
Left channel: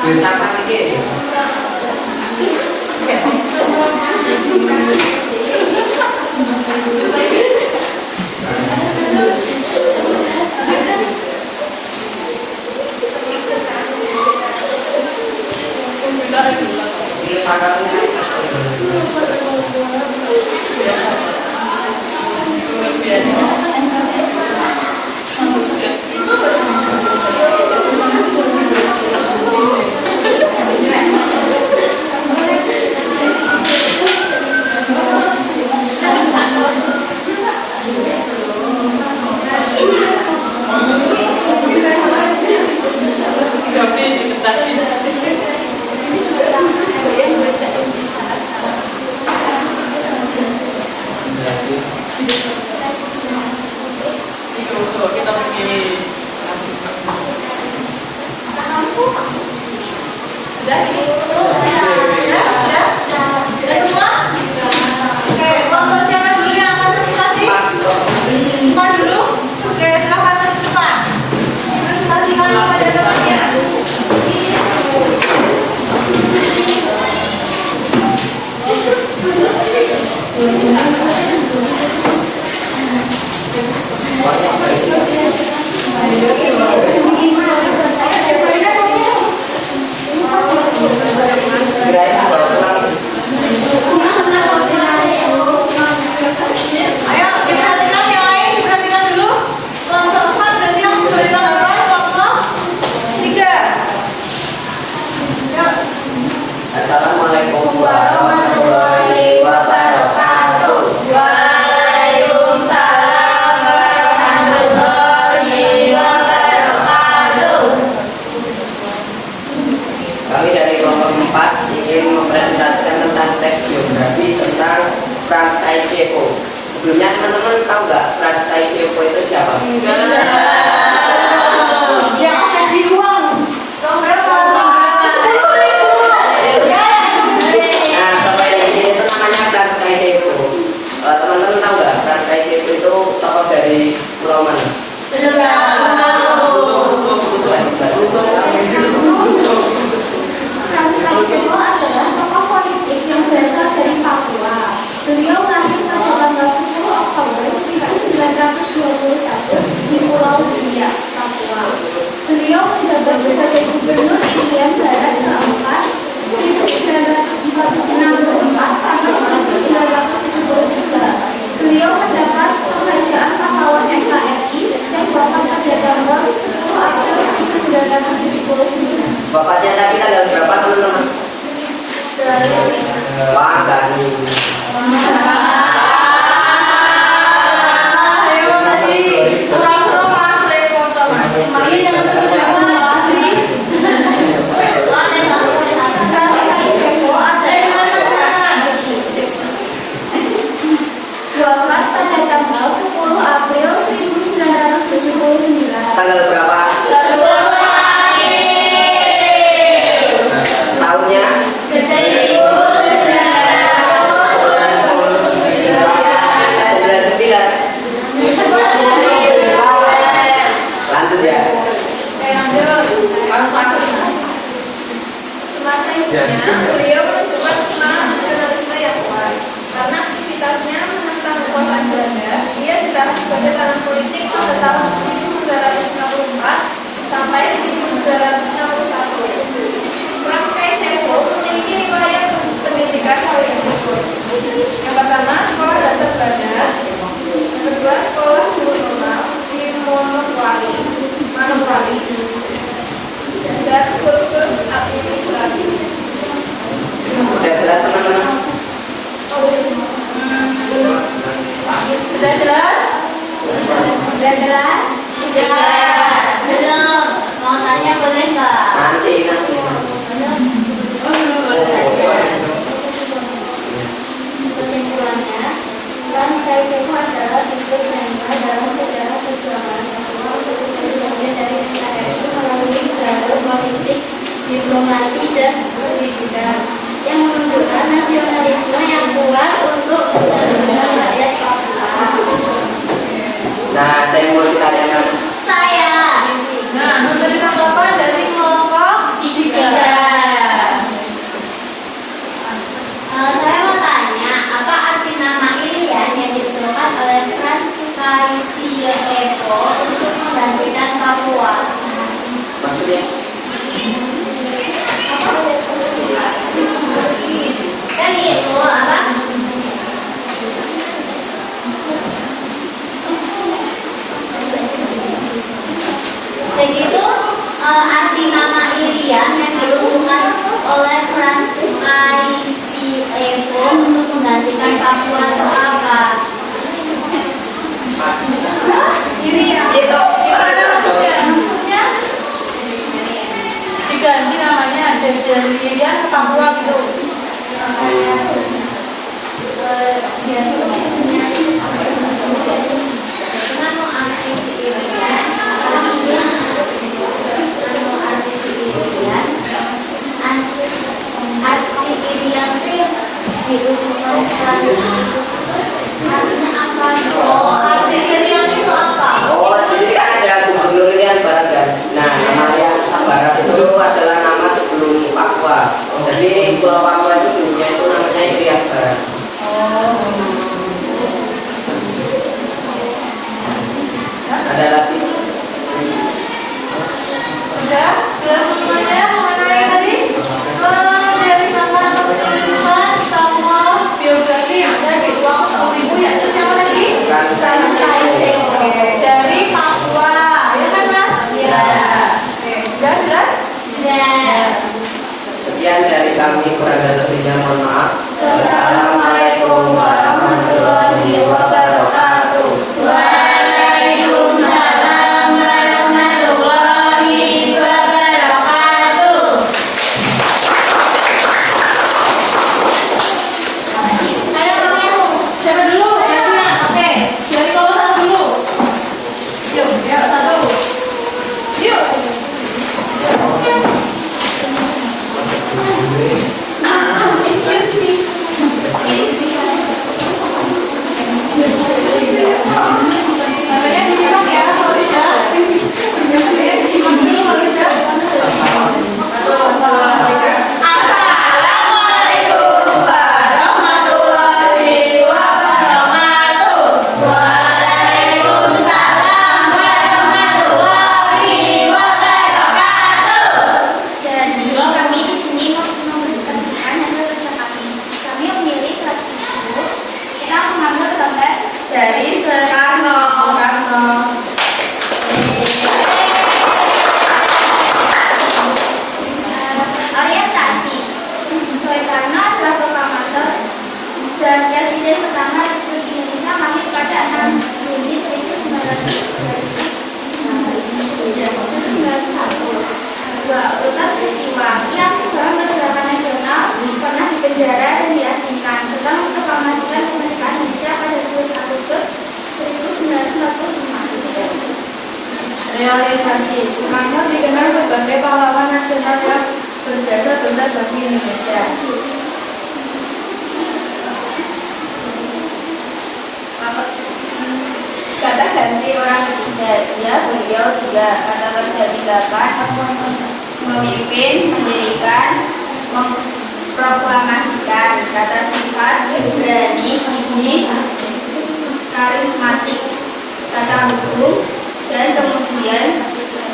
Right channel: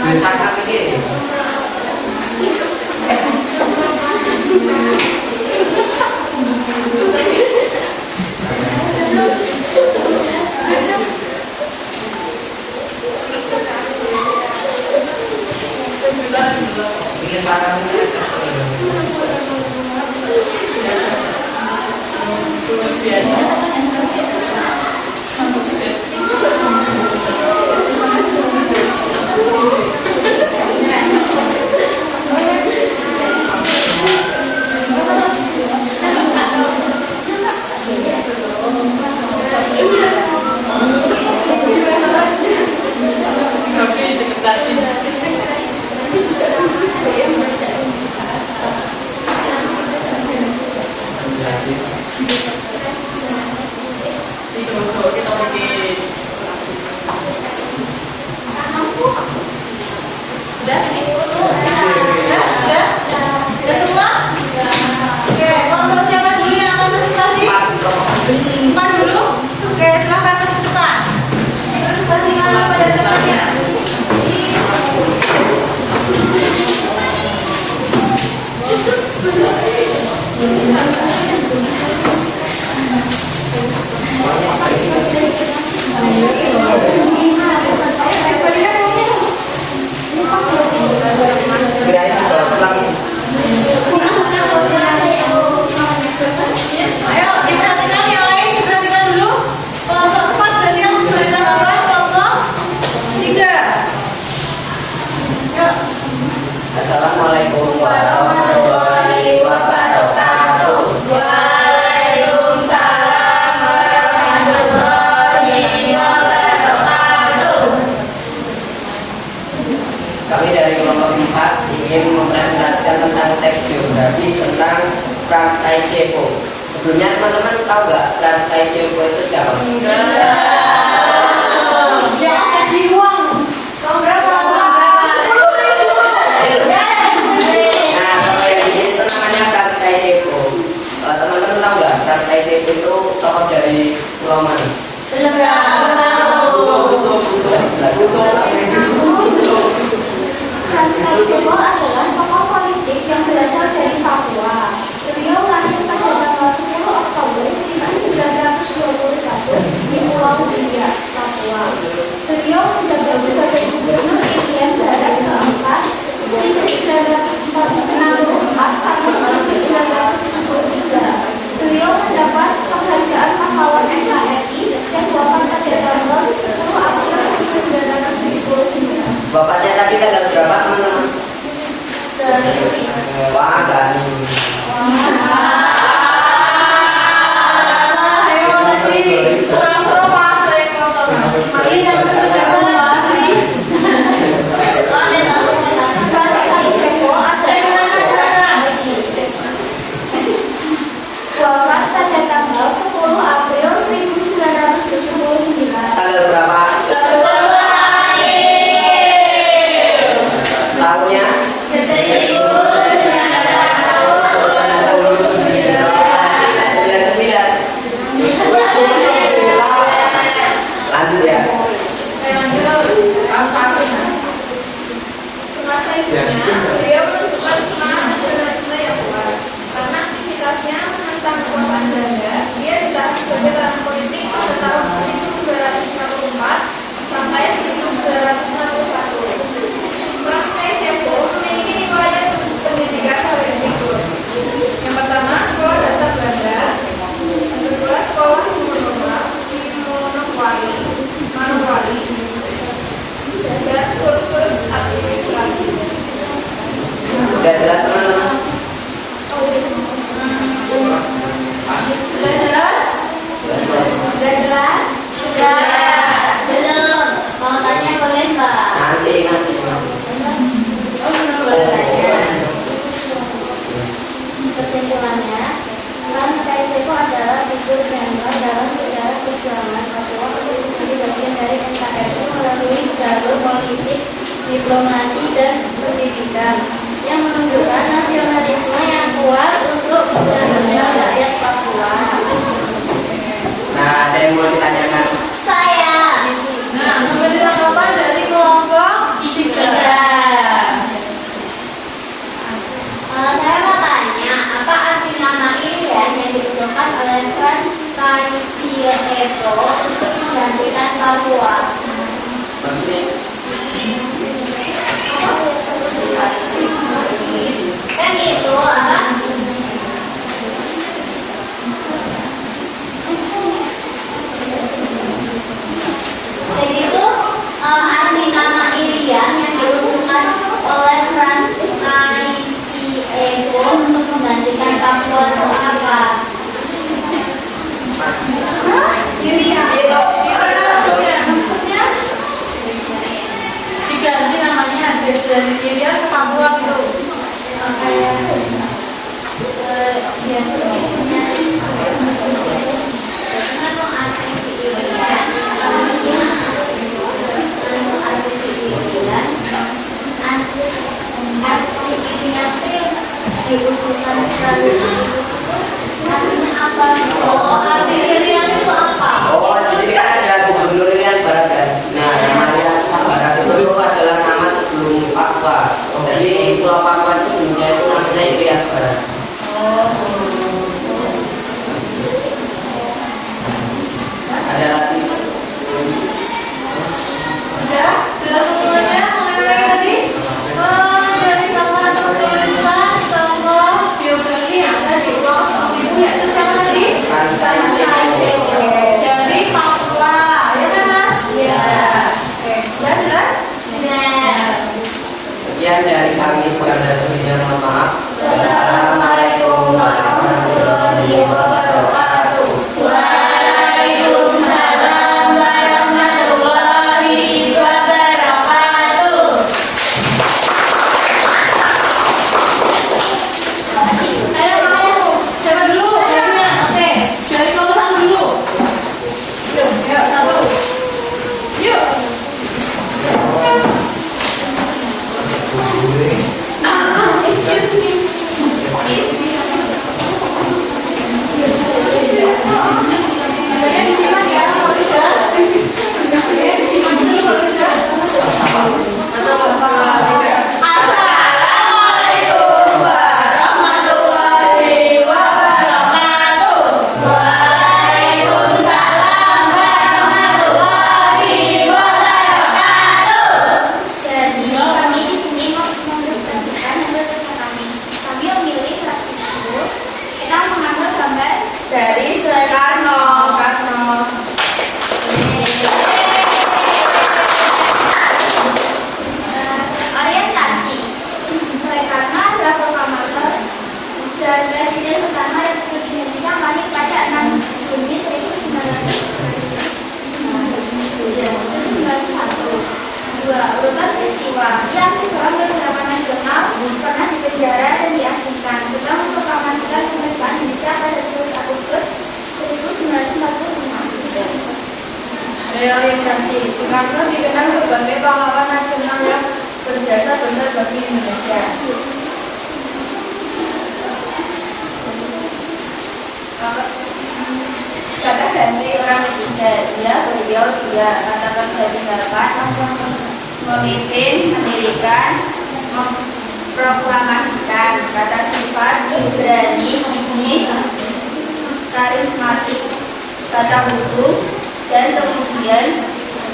Tulisan ini. Sudah sini. biografi tentang Franz Kaisiepo. Sebelumnya teman-teman tahu nggak Franz Kaisiepo itu siapa? Ya, di uang berapa? Nah, tokoh yang di sini itu namanya Franz Kaisiepo. Teman-teman tahu nggak Franz Kaisiepo itu tokoh dari pulau mana? Franz Kaisiepo adalah tokoh politik yang berasal dari Papua. Beliau lahir pada tanggal 10 Oktober 1921 di Pulau Biak, Papua. Beliau menjabat sebagai Gubernur Irian Barat keempat 1964 sampai 1973. Beliau mendapat penghargaan pahlawan NKRI yang wafat pada tanggal 10 April 1979. Bapaknya tadi tanggal berapa teman-teman? Wah, Gani. Ayo tadi. Wafat pada tanggal 10 April 1979. Tanggal berapa? Tahunnya? Lanjut ya. Semasa hidupnya, beliau menunjukkan semangat nasionalisme yang kuat. Karena aktivitasnya menentang kekuasaan Belanda, dia ditahan sebagai tahanan politik pada tahun 1964 sampai 1961. Franz Kaisiepo memiliki riwayat pendidikan sebagai berikut. Yang pertama, sekolah dasar Bandar. Yang kedua, sekolah guru normal di Manokwari. Dan kursus administrasi. Udah jelas teman-teman? Sudah jelas? Sudah jelas? Sudah. Belum. Mau tanya boleh nggak? Nanti. Kesimpulannya, Franz Kaisiepo adalah figur nyata dalam sejarah perjuangan Papua untuk menjadi bagian dari NKRI melalui jalur politik, diplomasi, dan pendidikan yang menunjukkan nasionalisme yang kuat untuk benar-benar rakyat Papua. Nah, ada yang mau ditanyakan? Saya. Nah, memberikan apa dari kelompok 3? Saya mau tanya, apa arti nama Irian yang diusulkan oleh Franz Kaisiepo untuk menggantikan Papua? Maksudnya? Kan gitu, apa? Jadi itu arti nama Irian yang diusulkan oleh Franz Kaisiepo untuk menggantikan Papua itu apa? Irian. Maksudnya? Diganti namanya dari Irian ke Papua gitu. Diusulkan artinya apa? Oh, arti Irian itu apa? Oh, di sini kan ada Gubernur Irian Barat kan. Nah, nama Irian Barat itu adalah nama sebelum Papua. Jadi Pulau Papua itu dulunya itu namanya Irian Barat. Ada lagi? Sudah jelas semuanya mengenai tadi dari kata tulisan sama biografi yang ada di uang 10.000 yaitu siapa tadi? Franz Kaisiepo. Dari Papua, ya kan Mas? Ya. Oke, sudah jelas? Sudah. Sekian dari kami, kurang dan lebihnya mohon maaf. Wassalamualaikum warahmatullahi wabarakatuh. Waalaikumsalam warahmatullahi wabarakatuh. suatu peristiwa. Ia aktif dalam pergerakan nasional, pernah dipenjara dan diasingkan. Setelah memproklamasikan kemerdekaan Indonesia pada 12 Agustus 1945. Reorientasi. Soekarno dikenal sebagai pahlawan nasional yang berjasa besar bagi Indonesia. Kata ganti orang ketiga, beliau juga kata kerja tinggalkan, memimpin, mendirikan, memproklamasikan. Kata sifat berani, gigih, karismatik. Kata hukum dan kemudian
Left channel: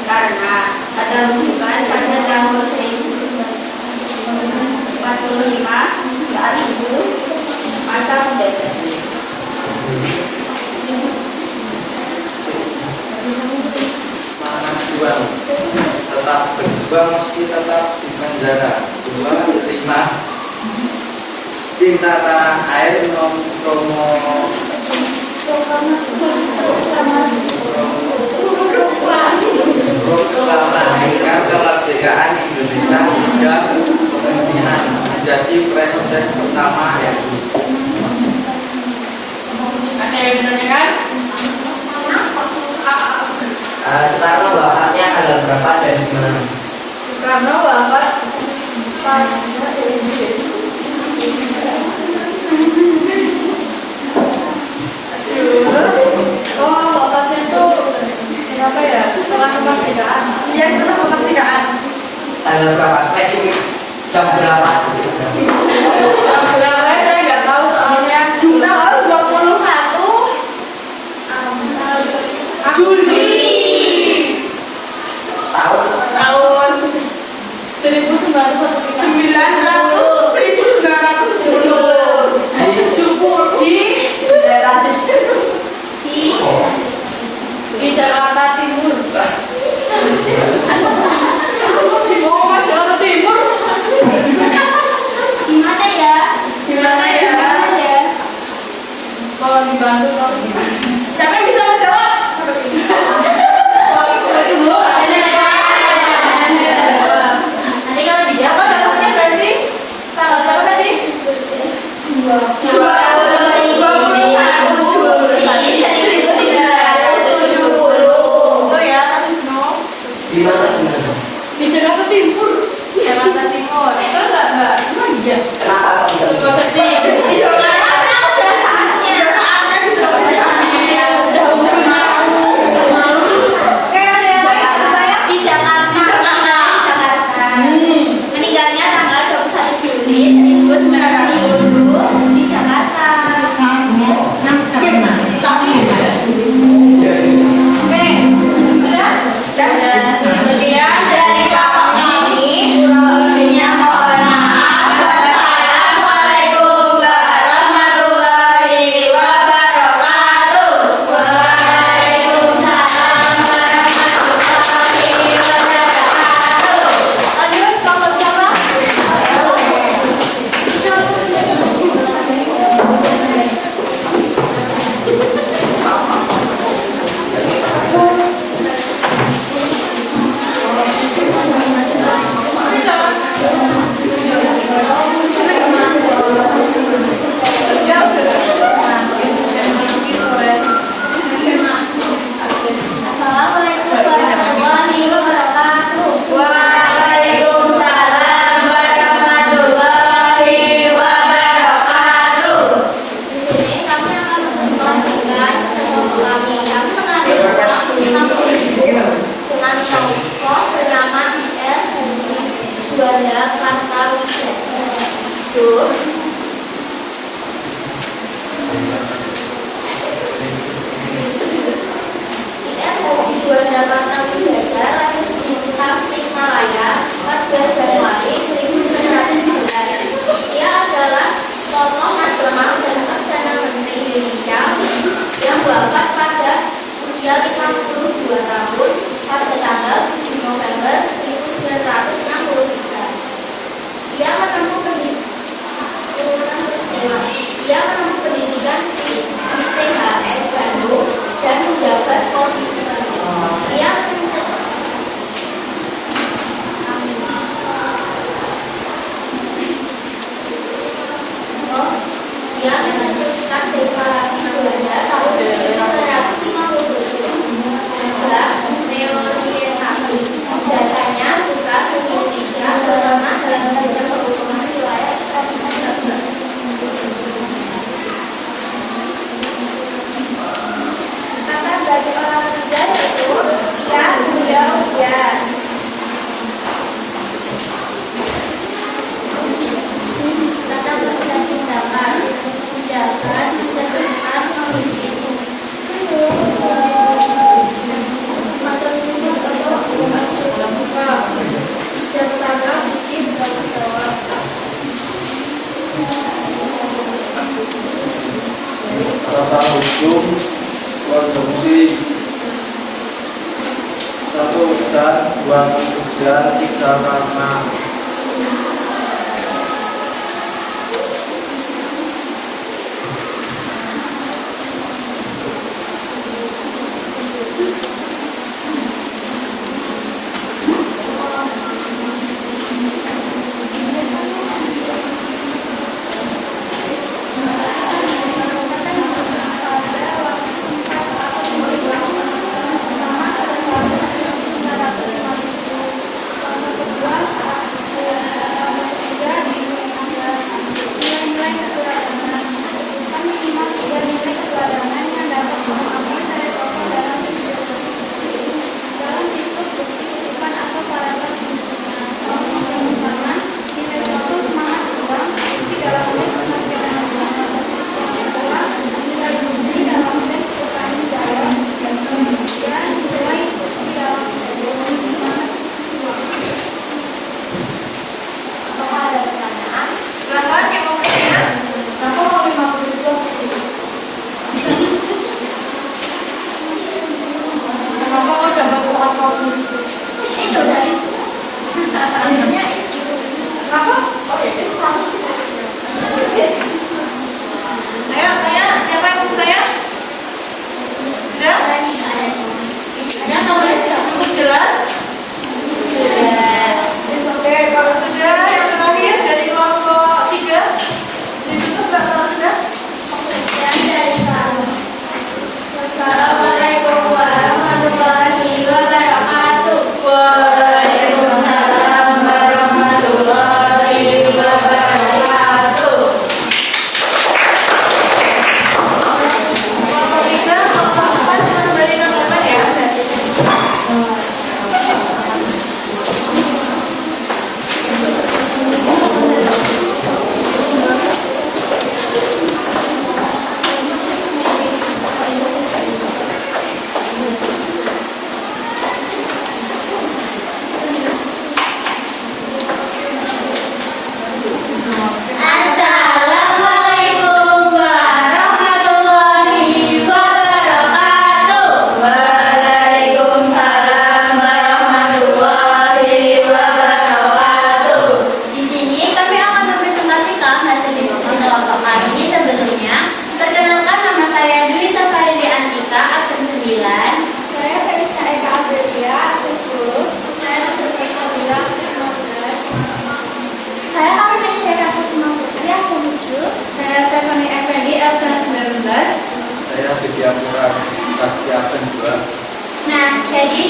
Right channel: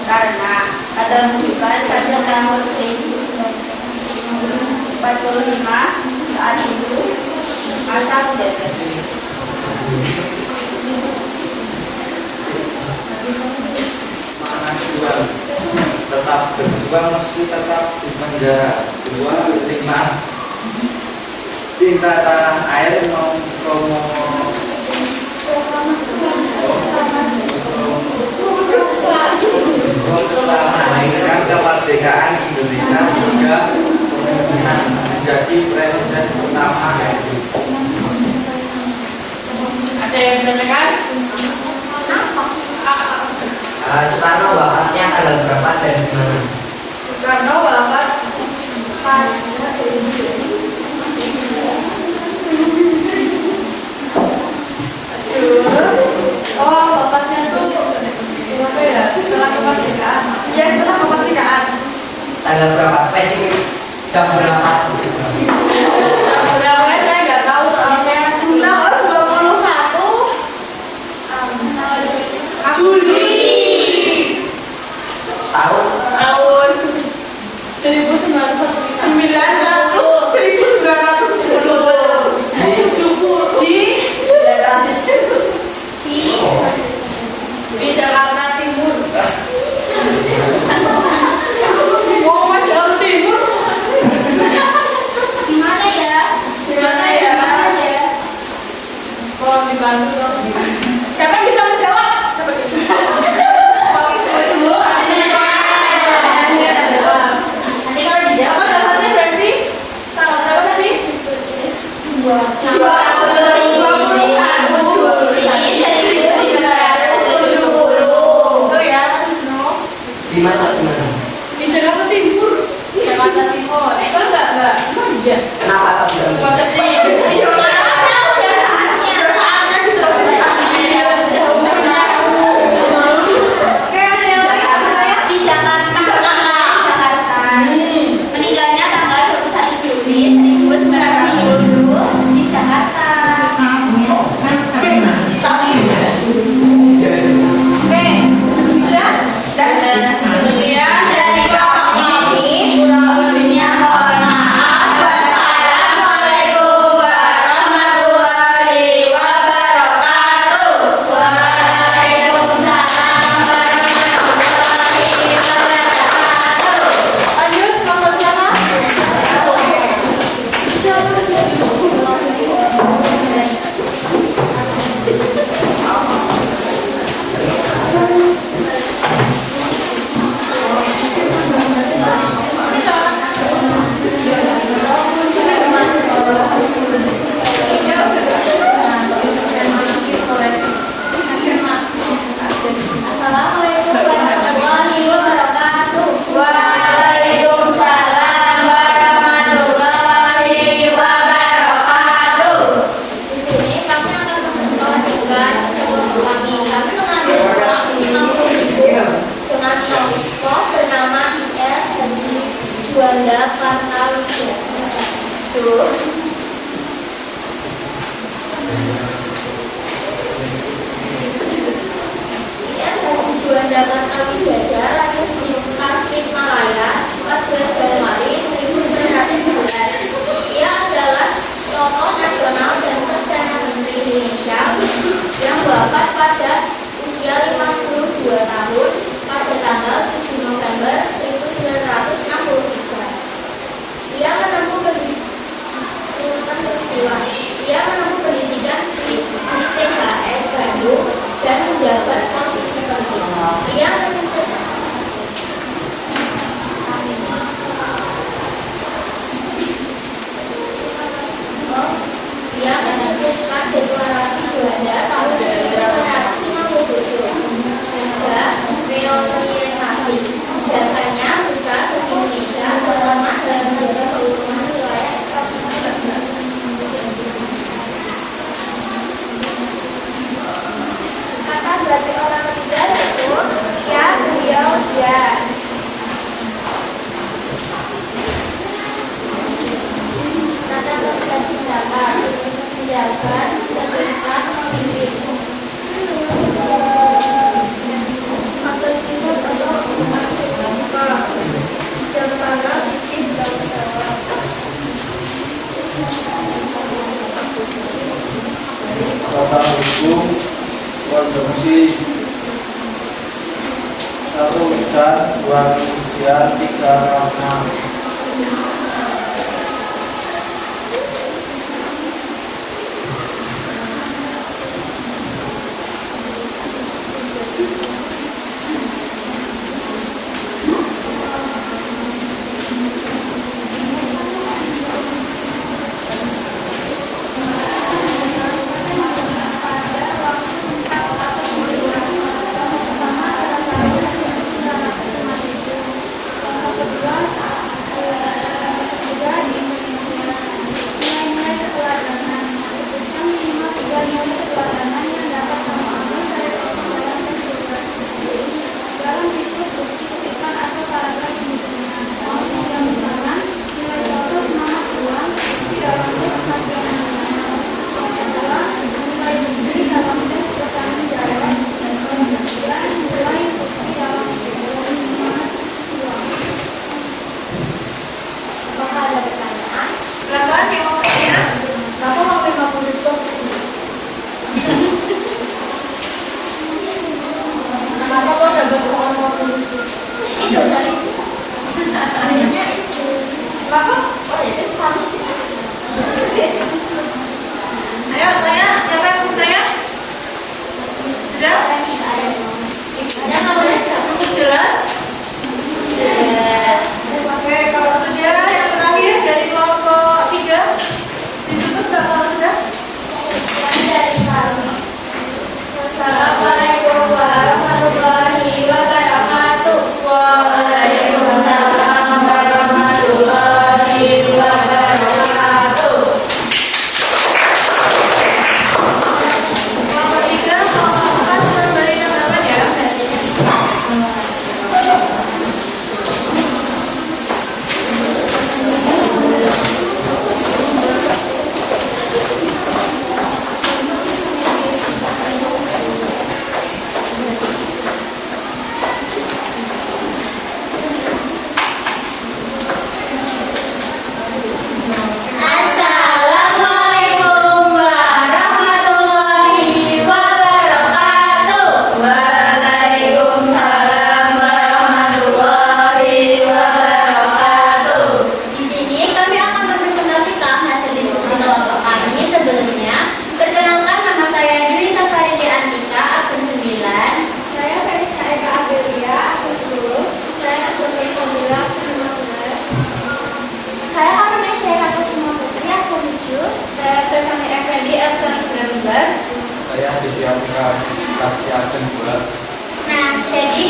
karena kata rujukan pada tahun 1945 saat itu masa menjajah. Semangat juang, tetap berjuang meski tetap di penjara. 2, 5 cinta tanah air melahirkan kemerdekaan Indonesia. 3, kemungkinan menjadi presiden pertama RI. Ada yang ditanyakan? Soekarno wafatnya tanggal berapa dan di mana? Soekarno wafat wafatnya tuh berapa ya? Setelah kemerdekaan. Iya, setelah kemerdekaan. Tanggal berapa spesifik? Jam berapa? Namanya saya nggak tahu soalnya. Tahun 21 Juli Tahun? tahun 1970 di Jakarta Timur. Oh, Jakarta Timur. gimana ya? Gimana ya? Kalau di Bandung kalau di siapa yang bisa menjawab? Nanti kalau Apa dijawab dapatnya berarti tanggal berapa tadi? 21 Oh ya, Wisnu. Di mana? Di mana? Di Jakarta Timur. Jakarta Timur. Enggak. Iya. Kenapa tidak? Masa sih? Oke, ada yang lain yang bertanya? di Jakarta. Meninggalnya tanggal 21 Juli 1990 di Jakarta. Oke. Sudah? Kemudian Dari kakak kami, kurang lebihnya mohon maaf. Wassalamualaikum warahmatullahi wabarakatuh. Waalaikumsalam warahmatullahi wabarakatuh. lanjut sama siapa? Assalamualaikum warahmatullahi wabarakatuh. Waalaikumsalam warahmatullahi wabarakatuh. Di sini kami akan membagikan kami mengambil dengan kelompok bernama IR Juanda Kartawijaya. Juanda Kartawijaya lahir di Tasikmalaya pada Januari 1919. Ia adalah tokoh nasional dan Perdana Menteri Indonesia yang wafat pada usia 52 tahun pada tanggal 7 November 1963. Ia menempuh pendidikan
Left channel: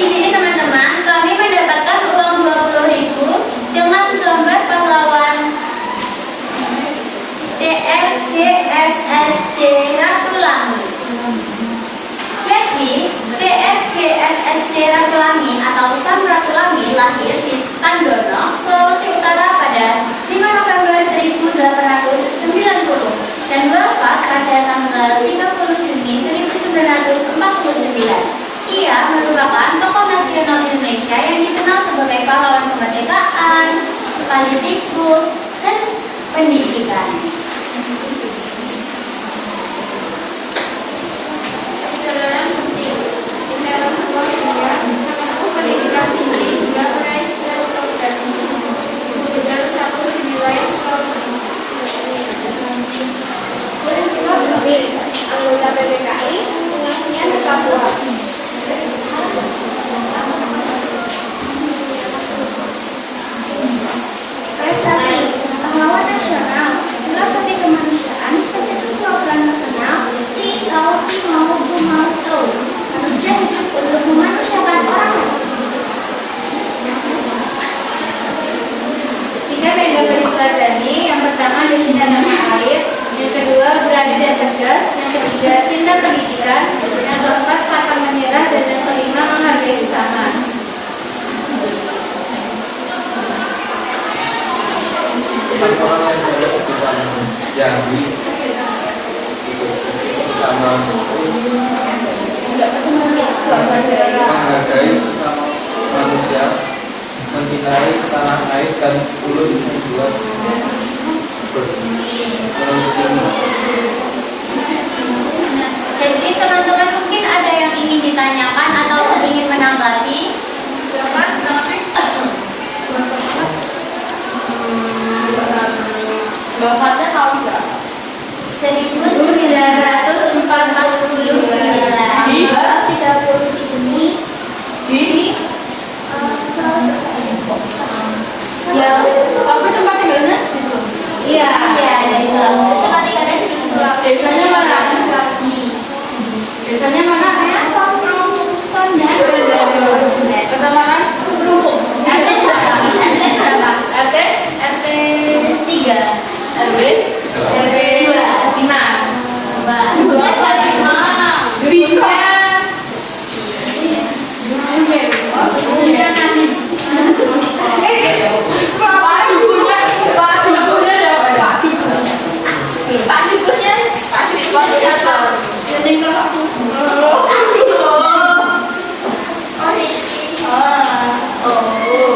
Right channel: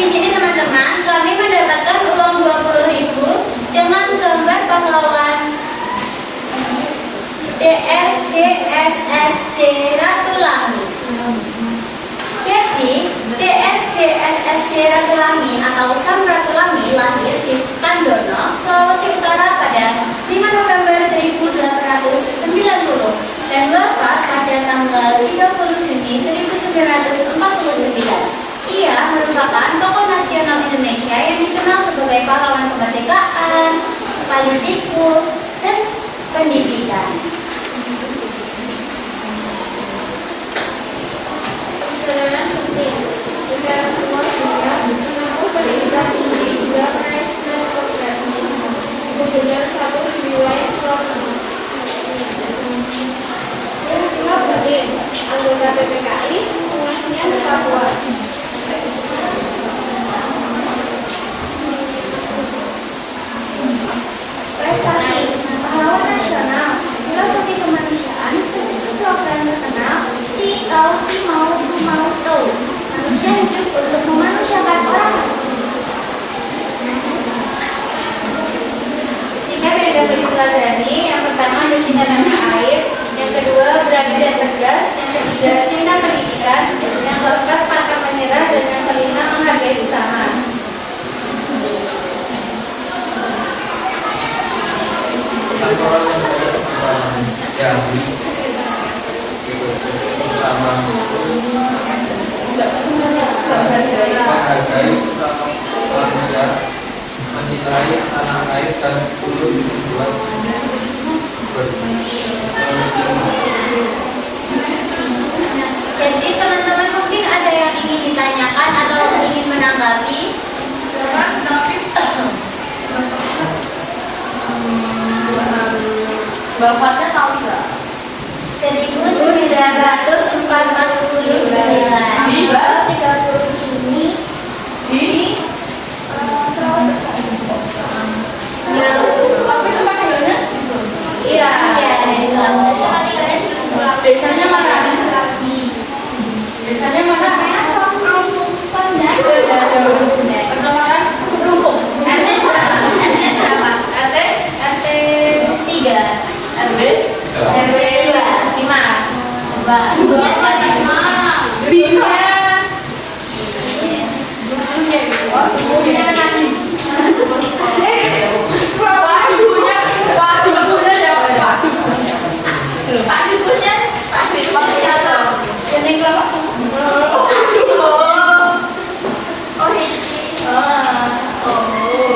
sini teman-teman, kami mendapatkan uang 20.000 dengan gambar pahlawan DRGSSC Ratulangi. Jadi, DRGSSC Ratulangi atau Sam Ratulangi lahir di Kandono, Sulawesi Utara pada 5 November 1890 dan wafat pada tanggal 30 Juni 1949. Ia merupakan tokoh nasional Indonesia yang dikenal sebagai pahlawan kemerdekaan, politikus, dan pendidikan. Kesadaran penting secara umum menempuh pendidikan tinggi juga meraih nilai dan kemudian satu wilayah Sulawesi. Peristiwa penting anggota PPKI pengasuhnya di Papua. Prestasi pahlawan nasional filosofi kemanusiaan seperti slogan terkenal si kau si mau ku mau kau manusia hidup untuk memanusiakan orang lain. Tiga media dipelajari, yang pertama cinta tanah air, yang kedua berani dan cerdas, yang ketiga cinta pendidikan, yang keempat pantang menyerah, dan yang kelima menghargai sesama. Orang yang yang sama menghargai manusia, mencintai tanah air dan tulus berbuat Jadi teman-teman mungkin ada yang ingin ditanyakan atau ingin menanggapi? Bapaknya tahu nggak? 1949. Iya. 30 Juni Di ya. tapi tempat tinggalnya Iya, dari Sulawesi. Tempat tinggalnya di Sulawesi. desanya mana? Sulawesi. Desanya mana? Kecamatan Perumpung. RT berapa? RT RT 3. RW RW 2. 5.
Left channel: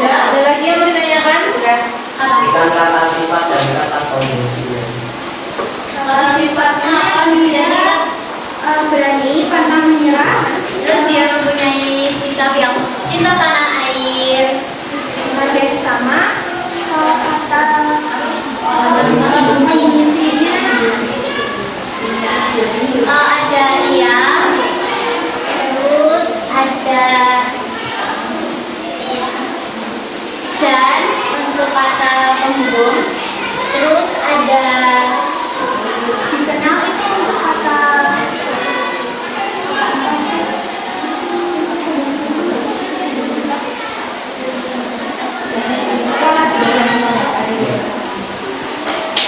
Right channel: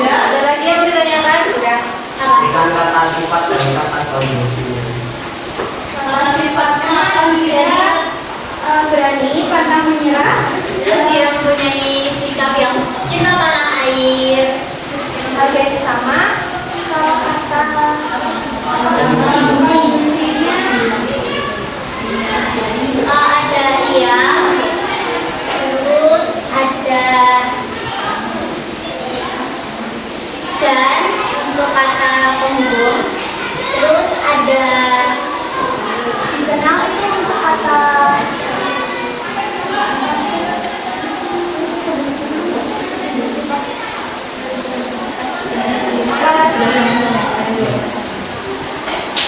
Ada lagi yang mau ditanyakan? Berikan kata sifat dan kata kondisi. Sifatnya berani, pantang menyerah, terus dia mempunyai sikap yang cinta tanah air, menghargai sesama. Kalau kata fungsinya ada iya, terus ada dan untuk kata pembung, terus ada dikenal itu untuk kata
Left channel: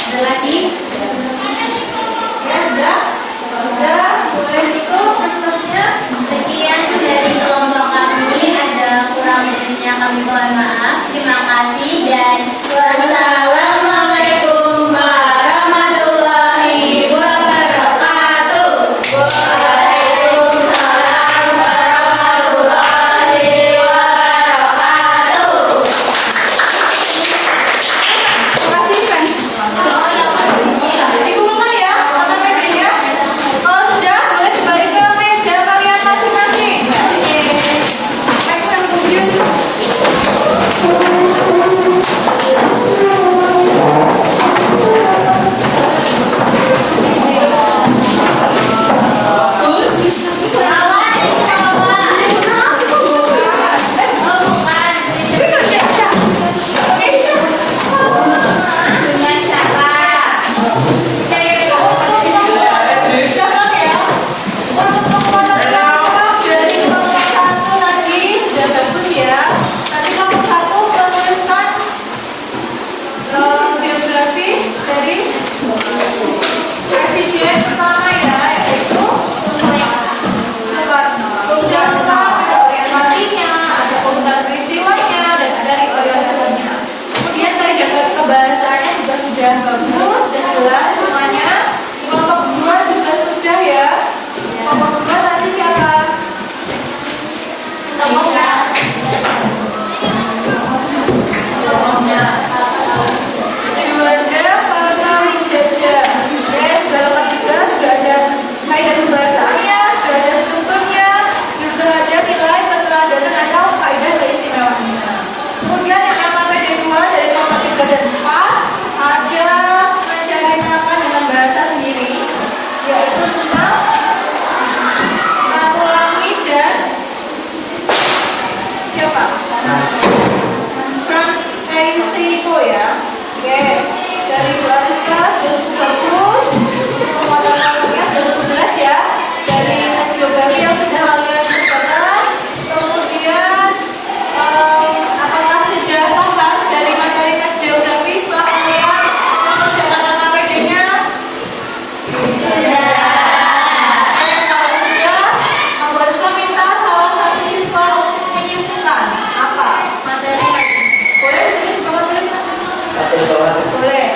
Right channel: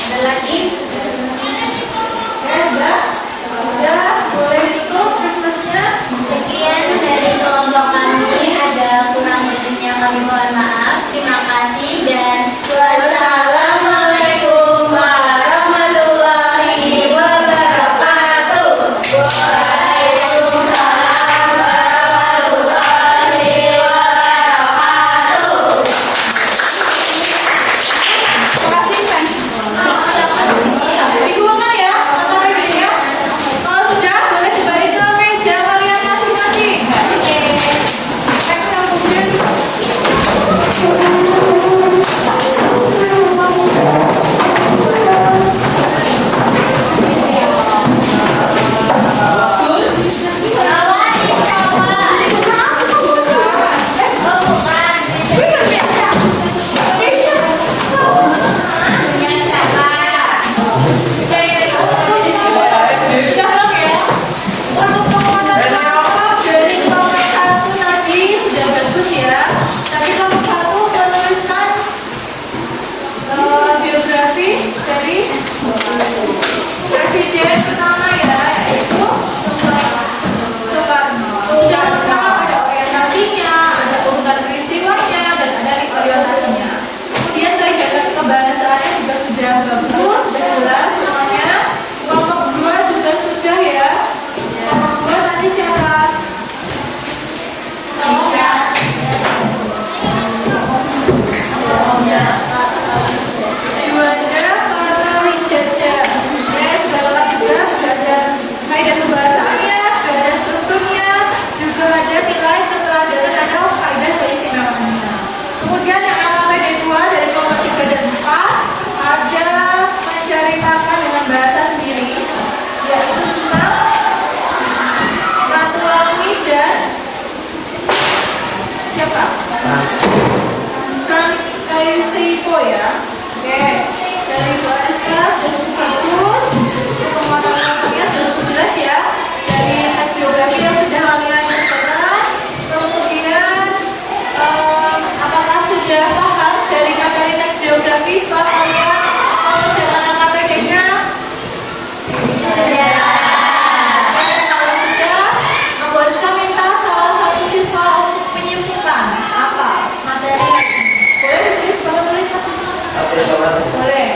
Ada lagi? Ya sudah. Sudah, boleh ditutup prestasinya. sekian dari kelompok kami, ada kurang lebihnya kami mohon maaf. Terima kasih dan wassalamualaikum warahmatullahi wabarakatuh. Waalaikumsalam warahmatullahi wabarakatuh. Terima kasih, fans. Dikumpulkan ya, kata media. Kalau sudah, boleh kembali ke meja kalian masing-masing. Baik, Sudah bagus, sudah jelas semuanya. Kelompok 2 juga sudah ya. Kelompok 2 tadi siapa? Kelompoknya. Juanda Partawijaya. Oke, sudah lengkap juga, sudah ada kaidah pembahasannya, sudah ada strukturnya, juga ada nilai keteladanan atau kaidah keistimewaannya. Kemudian yang KKPD 2 dari kelompok 3 dan 4 ada menceritakan dengan bahasa sendiri, yaitu tentang Ratulangi dan siapa? Frans Kaisito ya. Oke, dari Bu Ariska sudah bagus, penguatan kamunya sudah cukup jelas ya. Dari teks biografi yang sudah kalian kerjakan, kemudian apakah sudah paham dari materi teks biografi setelah kalian mengerjakan KPD-nya? Sudah. Dan kalau sudah, Bu Ariska minta salah satu siswa untuk menyimpulkan apa materi. Boleh ditulis, bapak tulis Mas? Boleh.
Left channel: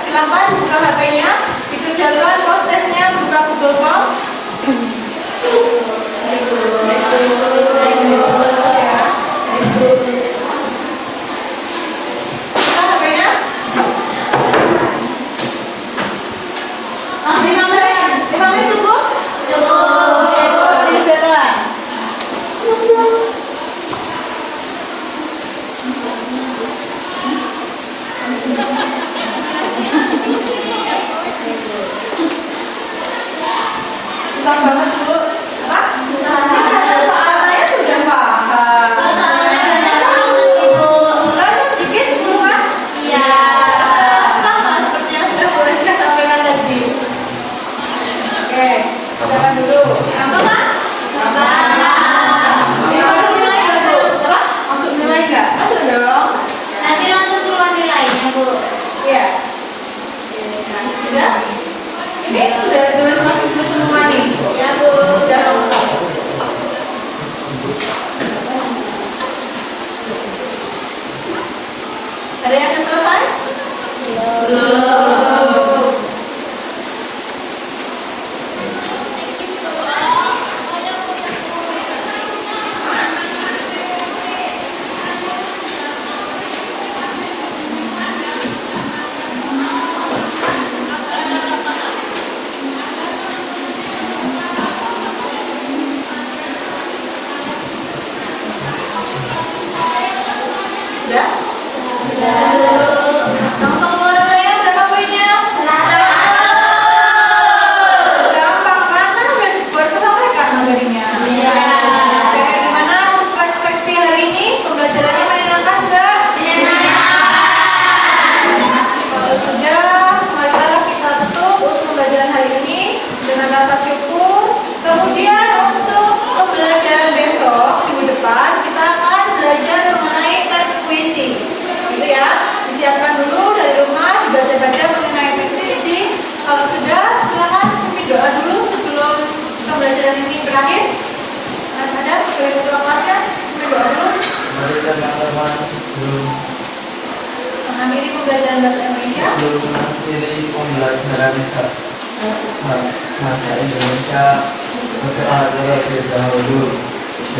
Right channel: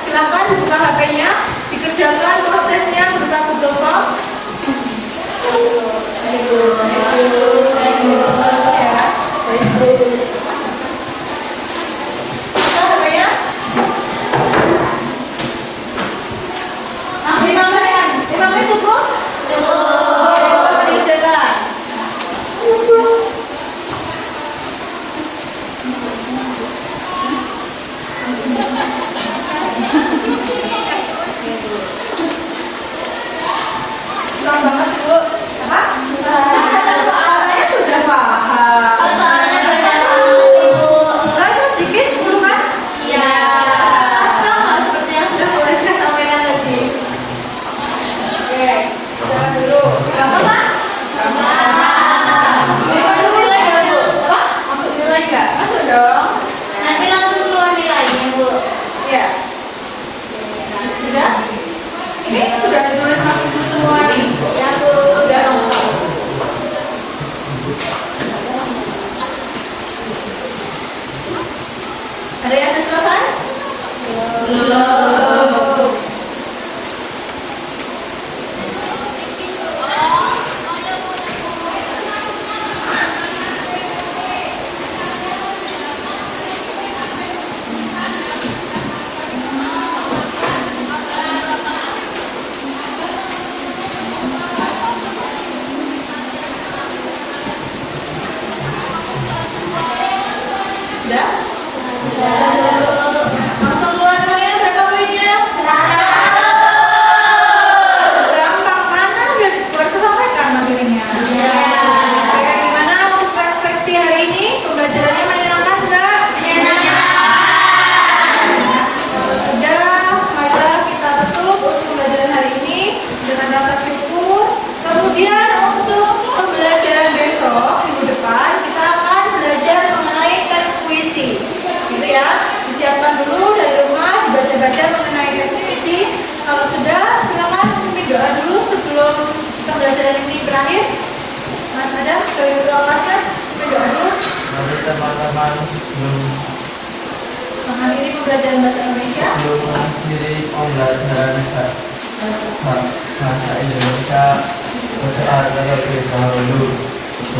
Silahkan buka HP-nya, dikerjakan prosesnya berupa Google Form. Buka HP-nya. Masih mandayan? 5 menit cukup? Cukup. Dikerjakan. Banget dulu, apa? Soalnya sudah paham. Soalnya sedikit dulu kan? Iya. Sama seperti yang sudah boleh saya sampaikan tadi. Oke, jalan dulu. Gampang kan? Gampang. pembelajaran ini berakhir. Mas Adam, sebagai ketua kelasnya, berdoa dulu. Mari teman-teman sebelum Mengakhiri pembelajaran bahasa Indonesia. mengakhiri pembelajaran bahasa Indonesia, berdoa terlebih dahulu.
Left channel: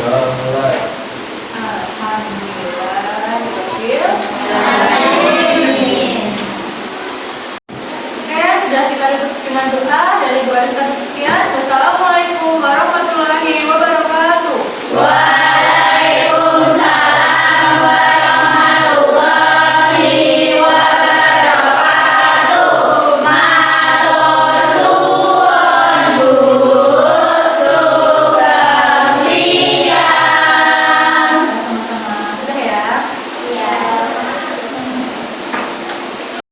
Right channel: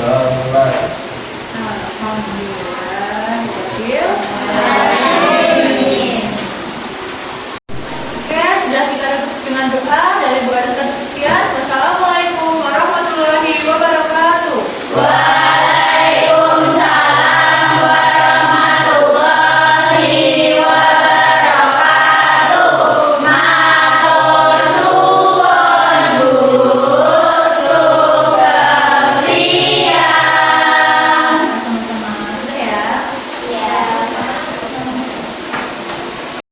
Doa mulai. Alhamdulillah. Adil. Oke, sudah kita tutup dengan doa dari Bu Arita